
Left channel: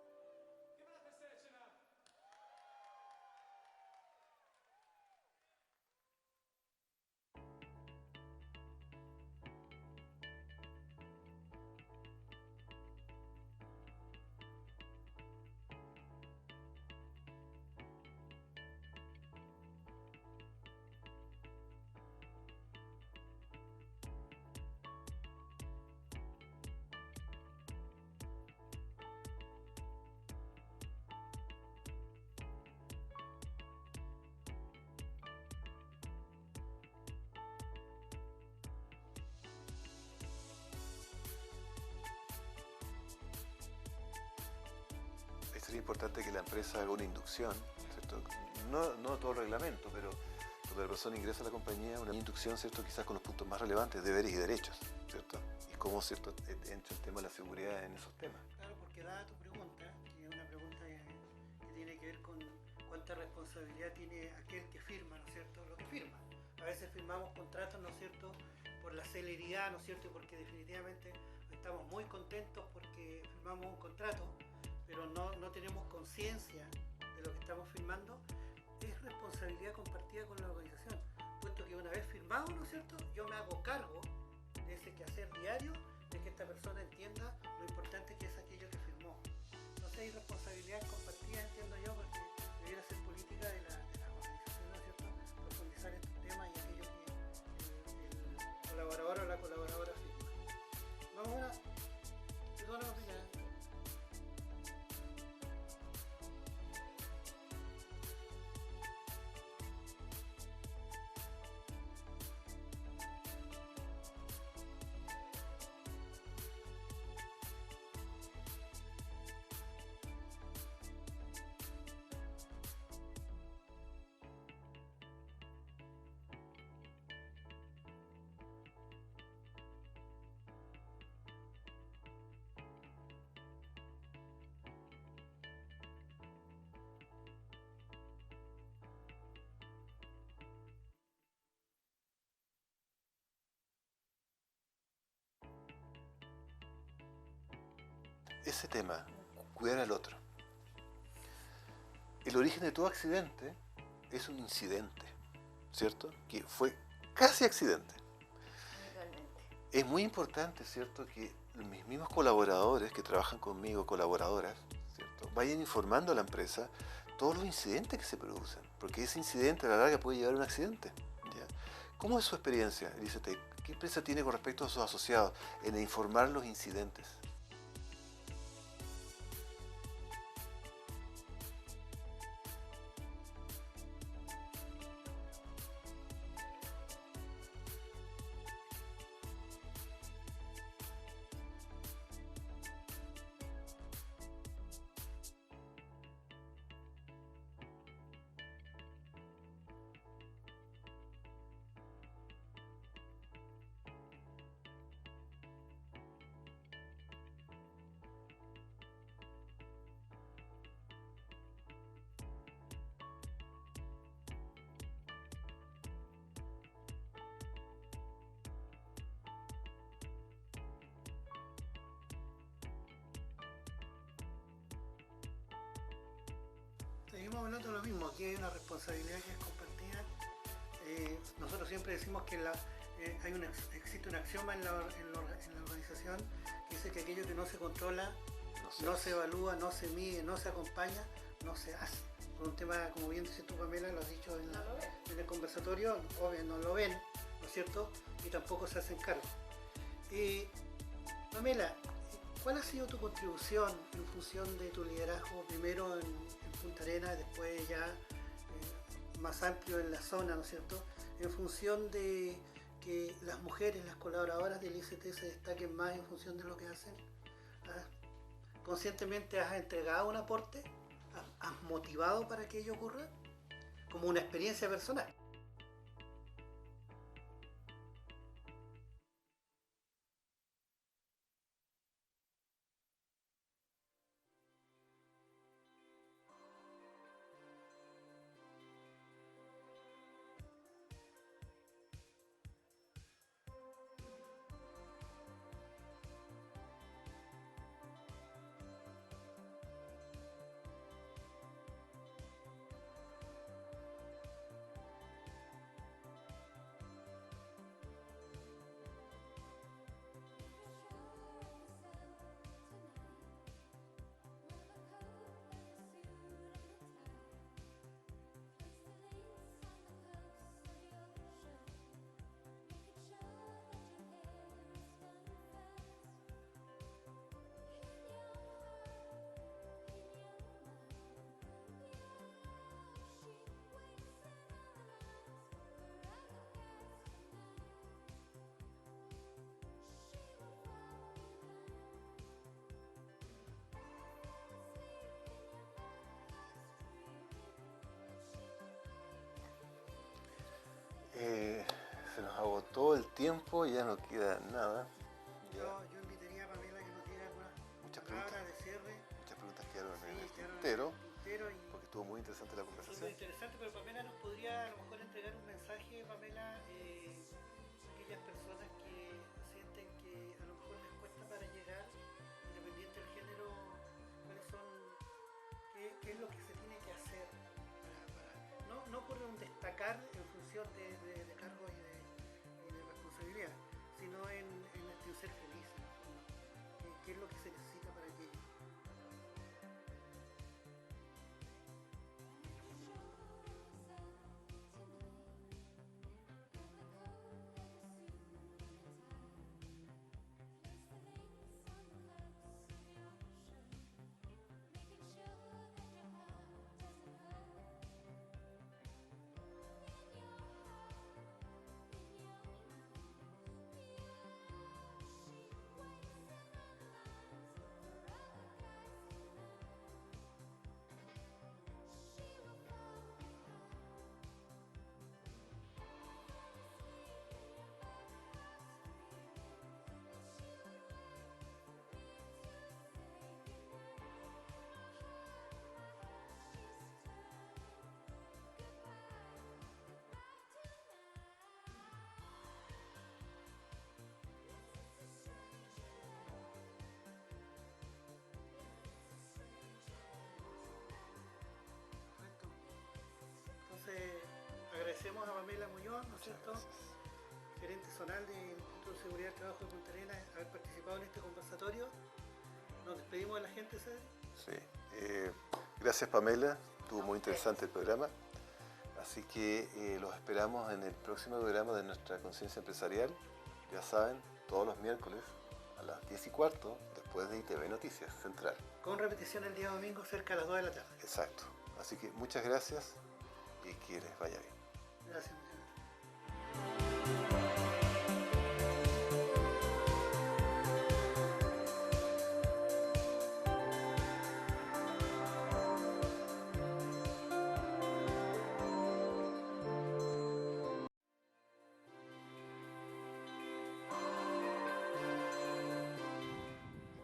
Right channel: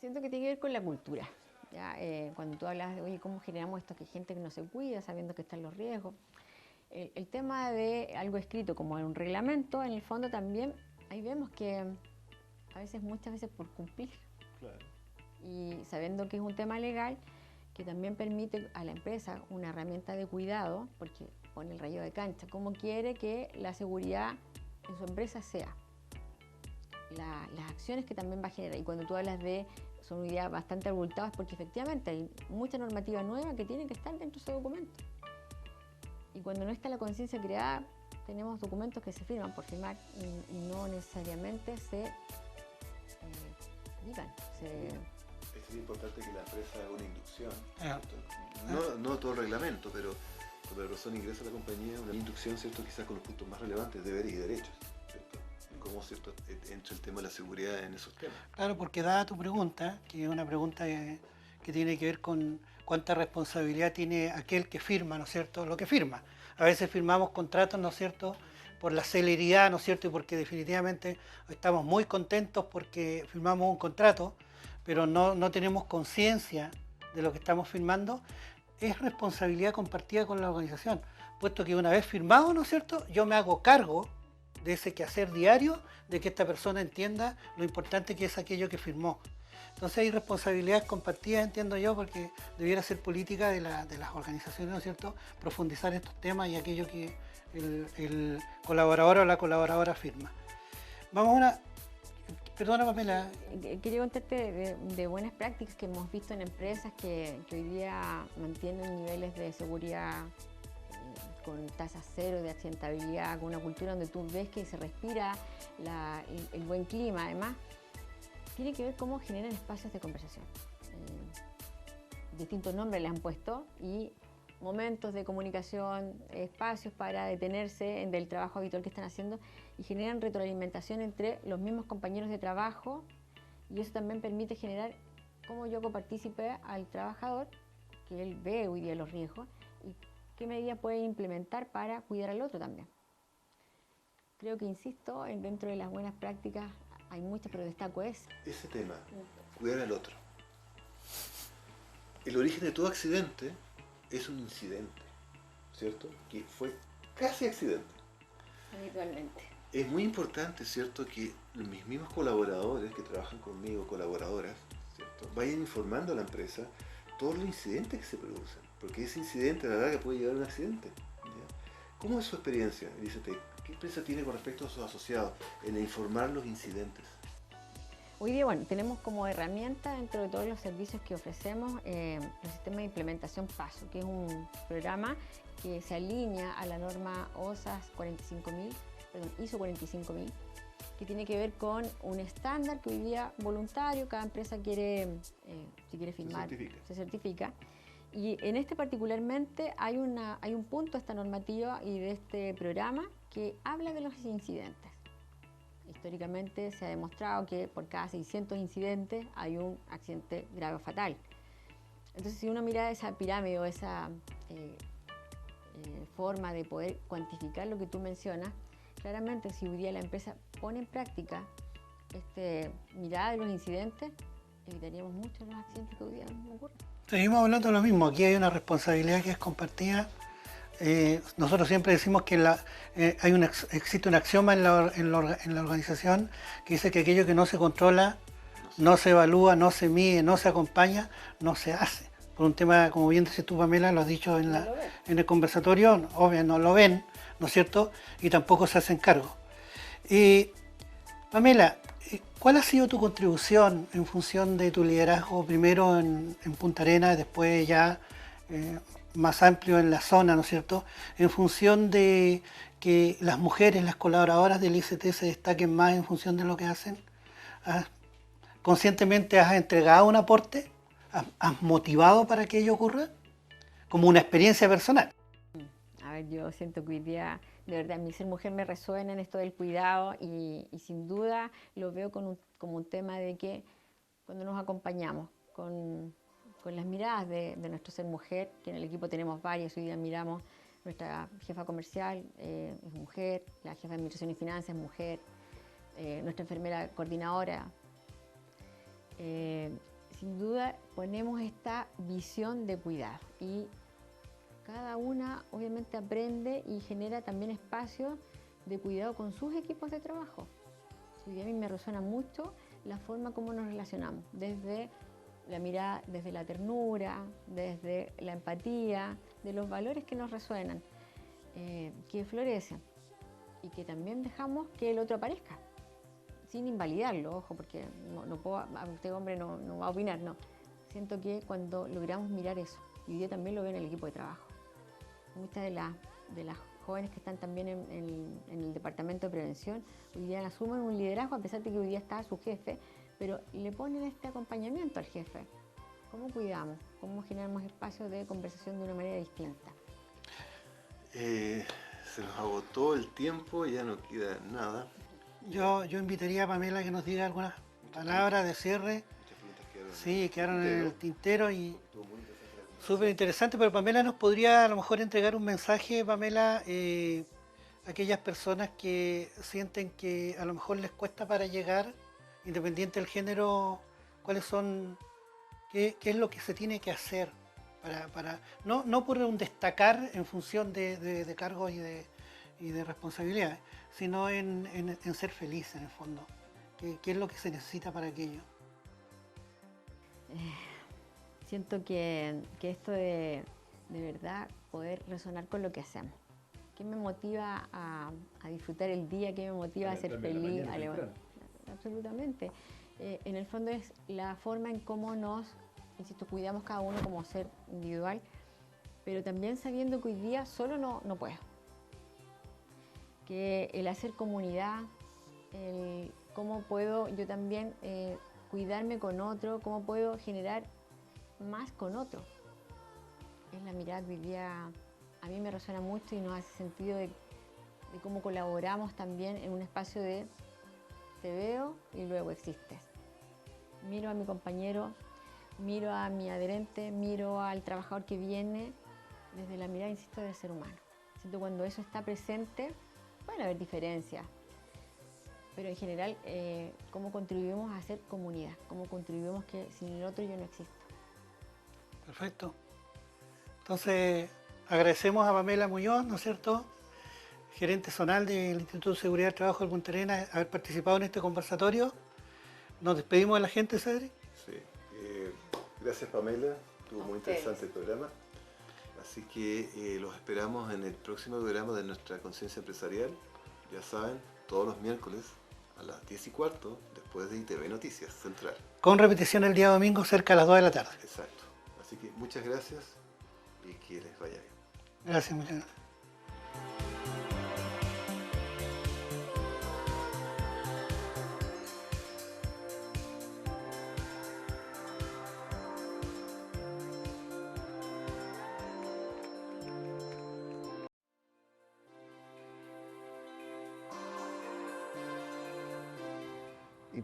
Siento que tiene que ver con la cultura, ¿ya? Cuando tú hablas de, oye, ¿cómo generamos esto? Que hay gente que no se cuida sabiendo que están los riesgos. El tema de algo escrito como en un reglamento, en el fondo también, ahí vemos que muchas veces por cumplir. Claro. Y sabiendo que es un tema legal, que también permite a la empresa una herramienta de cuidado, porque pone el rayo de cancha, cómo quiere que la seguridad en su empresa sea. Las acciones que también va a generar. Y cuando tú hablas de, son hoy día bastante abultadas, porque efectivamente hay mucha normativa nueva que tiene que estar dentro de ese documento. Y cuando no está la conciencia creada, tenemos documentos que se firman por firmar y no necesariamente se aplican. Sería importante que la empresa haga una inducción, ¿cierto? No todo el reglamento, pero cuando la persona ingresa a la compañía, una inducción, ¿cierto? Quizás con los puntos más relevantes, deberes y derechos, ¿cierto? Y cómo, ¿cierto?, entra el tema de la seguridad en esos temas. Claro, porque dada tu pregunta, que es una pregunta que tiene que ver con cuánta responsabilidad tiene aquel que firma, ¿no es cierto?, lo que firma. A veces firmamos contratos, ¿no es cierto?, por la celeridad, ¿no es cierto?, y porque definitivamente estamos muy contentos porque firmamos un contrato, pero no tenemos conciencia de lo que estamos firmando. Es responsabilidad compartida con la organización, puesto que una vez firmado, ¿no es cierto?, yo me hago cargo de ese quehacer diario, de que esta persona entienda lo importante que es aquello que firmó. Entonces hay responsabilidades compartidas, entiendo yo, porque debiera ser política de las organizaciones, ¿no es cierto?, profundizar estos temas y aquello que el colaborador o la colaboradora firma. Vamos a una... Perdona, Pamela. Quería contarte de buenas prácticas que hemos visto en empresas que hoy día mantienen niveles de seguridad con tasas cero de accidentabilidad, con una cultura donde tú ves que se respira el buen clima. Además, tiene que ver cómo generan espacios de conversación. Distintos nombres le han puesto y momentos de comunicación, espacios para detenerse del trabajo habitual que están haciendo y generan retroalimentación entre los mismos compañeros de trabajo, y eso también permite generar cómo yo copartícipe al trabajador, que él ve hoy día los riesgos y qué medidas puede implementar para cuidar al otro también. Creo que, insisto, dentro de las buenas prácticas hay muchas, pero destaco ese tema, cuidar al otro. El origen de todo accidente es un incidente, ¿cierto? Que fue casi accidente. Habitualmente. Es muy importante, ¿cierto?, que mis mismos colaboradores que trabajan conmigo, colaboradoras, ¿cierto?, vayan informando a la empresa todos los incidentes que se producen, porque ese incidente a la larga puede llevar a un accidente, ¿ya? ¿Cómo es su experiencia, Elizabeth? ¿Qué experiencia tiene con respecto a sus asociados en informar los incidentes? Hoy día, bueno, tenemos como herramienta dentro de todos los servicios que ofrecemos el sistema de implementación PASO, que es un programa que se alinea a la norma ISO 45000, que tiene que ver con un estándar que hoy día voluntario, cada empresa quiere, si quiere firmar, se certifica. Y en este particularmente hay un punto de esta normativa y de este programa que habla de los incidentes. Históricamente se ha demostrado que por cada 600 incidentes hay un accidente grave o fatal. Entonces, si uno mira esa pirámide o esa forma de poder cuantificar lo que tú mencionas, claramente si hoy día la empresa pone en práctica esta mirada de los incidentes, evitaríamos mucho los accidentes que hoy día ocurren. Seguimos hablando de lo mismo, aquí hay una responsabilidad que es compartida. Nosotros siempre decimos que existe un axioma en la organización que dice que aquello que no se controla, no se evalúa, no se mide, no se acompaña, no se hace. Por un tema, como bien dices tú, Pamela, lo has dicho en el conversatorio, obvio no lo ven, ¿no es cierto? Y tampoco se hacen cargo. Pamela, ¿cuál ha sido tu contribución en función de tu liderazgo, primero en Punta Arenas, después ya más amplio en la zona, ¿no es cierto? En función de que las mujeres, las colaboradoras del ICT se destaquen más en función de lo que hacen. ¿Conscientemente has entregado un aporte? ¿Has motivado para que ello ocurra? Como una experiencia personal. A ver, yo siento que hoy día, de verdad, mi ser mujer me resuena en esto del cuidado y sin duda lo veo como un tema de que cuando nos acompañamos con las miradas de nuestro ser mujer, que en el equipo tenemos varias, hoy día miramos, nuestra jefa comercial es mujer, la jefa de Administración y Finanzas es mujer, nuestra enfermera coordinadora. Sin duda ponemos esta visión de cuidar y cada una obviamente aprende y genera también espacios de cuidado con sus equipos de trabajo. Hoy día a mí me resuena mucho la forma como nos relacionamos, desde la mirada, desde la ternura, desde la empatía, de los valores que nos resuenan, que florecen y que también dejamos que el otro aparezca, sin invalidarlo, ojo, porque no puedo, este hombre no va a opinar, no. Siento que cuando logramos mirar eso, y hoy día también lo veo en el equipo de trabajo, muchas de las jóvenes que están también en el departamento de prevención, hoy día asumen un liderazgo, a pesar de que hoy día está su jefe, pero le ponen este acompañamiento al jefe. ¿Cómo cuidamos? ¿Cómo generamos espacios de conversación de una manera distinta? Se nos agotó el tiempo, ya no queda nada. Yo invitaría a Pamela que nos diga algunas palabras de cierre. Sí, quedaron en el tintero y estuvo muy interesante la conversación. súper interesante, pero Pamela nos podría a lo mejor entregar un mensaje, Pamela, a aquellas personas que sienten que a lo mejor les cuesta para llegar, independiente del género, cuáles son, qué es lo que se tiene que hacer para no por un destacar en función de cargos y de responsabilidades, sino en ser feliz en el fondo. ¿Qué es lo que se necesita para aquello? Siento que esto de verdad poder resonar con lo que hacemos. ¿Qué me motiva a disfrutar el día? ¿Qué me motiva a ser feliz? A levantar. Absolutamente. En el fondo es la forma en cómo nos, insisto, cuidamos cada uno como ser individual, pero también sabiendo que hoy día solo no puedo. Que el hacer comunidad, cómo puedo yo también cuidarme con otro, cómo puedo generar más con otro. Es la mirada que hoy día a mí me resuena mucho y nos hace sentido de cómo colaboramos también en un espacio de te veo y luego existes. Miro a mi compañero, miro a mi adherente, miro al trabajador que viene desde la mirada, insisto, del ser humano. Siento cuando eso está presente, pueden haber diferencias, pero en general, cómo contribuimos a hacer comunidad, cómo contribuimos que sin el otro yo no existo. Perfecto. Entonces, agradecemos a Pamela Muñoz, ¿no es cierto?, gerente zonal del Instituto de Seguridad del Trabajo de Punta Arenas, haber participado en este conversatorio. Nos despedimos de la gente, Cedric. Sí. Gracias, Pamela. Estuvo muy interesante el programa. Así que los esperamos en el próximo programa de nuestra conciencia empresarial. Ya saben, todos los miércoles a las 10:15, después de ITV Noticias Central. Con repetición el día domingo cerca a las 2 de la tarde. Exacto. Así que muchas gracias y que les vaya bien. Gracias, muchas gracias.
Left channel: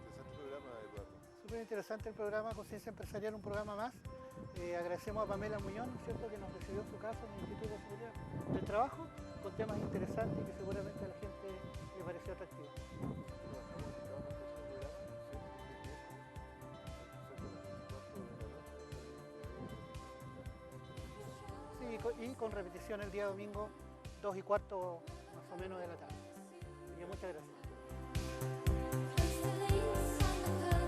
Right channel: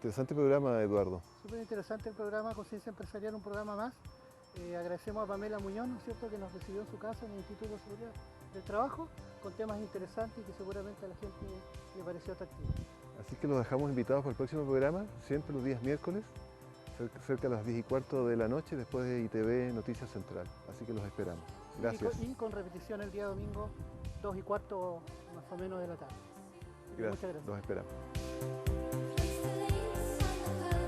Interesante programa, Eduardo. Súper interesante el programa Conciencia Empresarial, un programa más. Agradecemos a Pamela Muñoz, ¿no es cierto?, que nos recibió en su casa en el Instituto de Seguridad del Trabajo, con temas interesantes que seguramente a la gente le pareció atractivo. Así que los dejamos invitados para el próximo programa, siempre los días miércoles, cerca de las 10:15 de la noche, después de ITV Noticias Central. Así que los esperamos. Gracias. Y con repetición el día domingo, 2:15 más o menos de la tarde. Gracias. Los esperamos. Place the lace on the curb.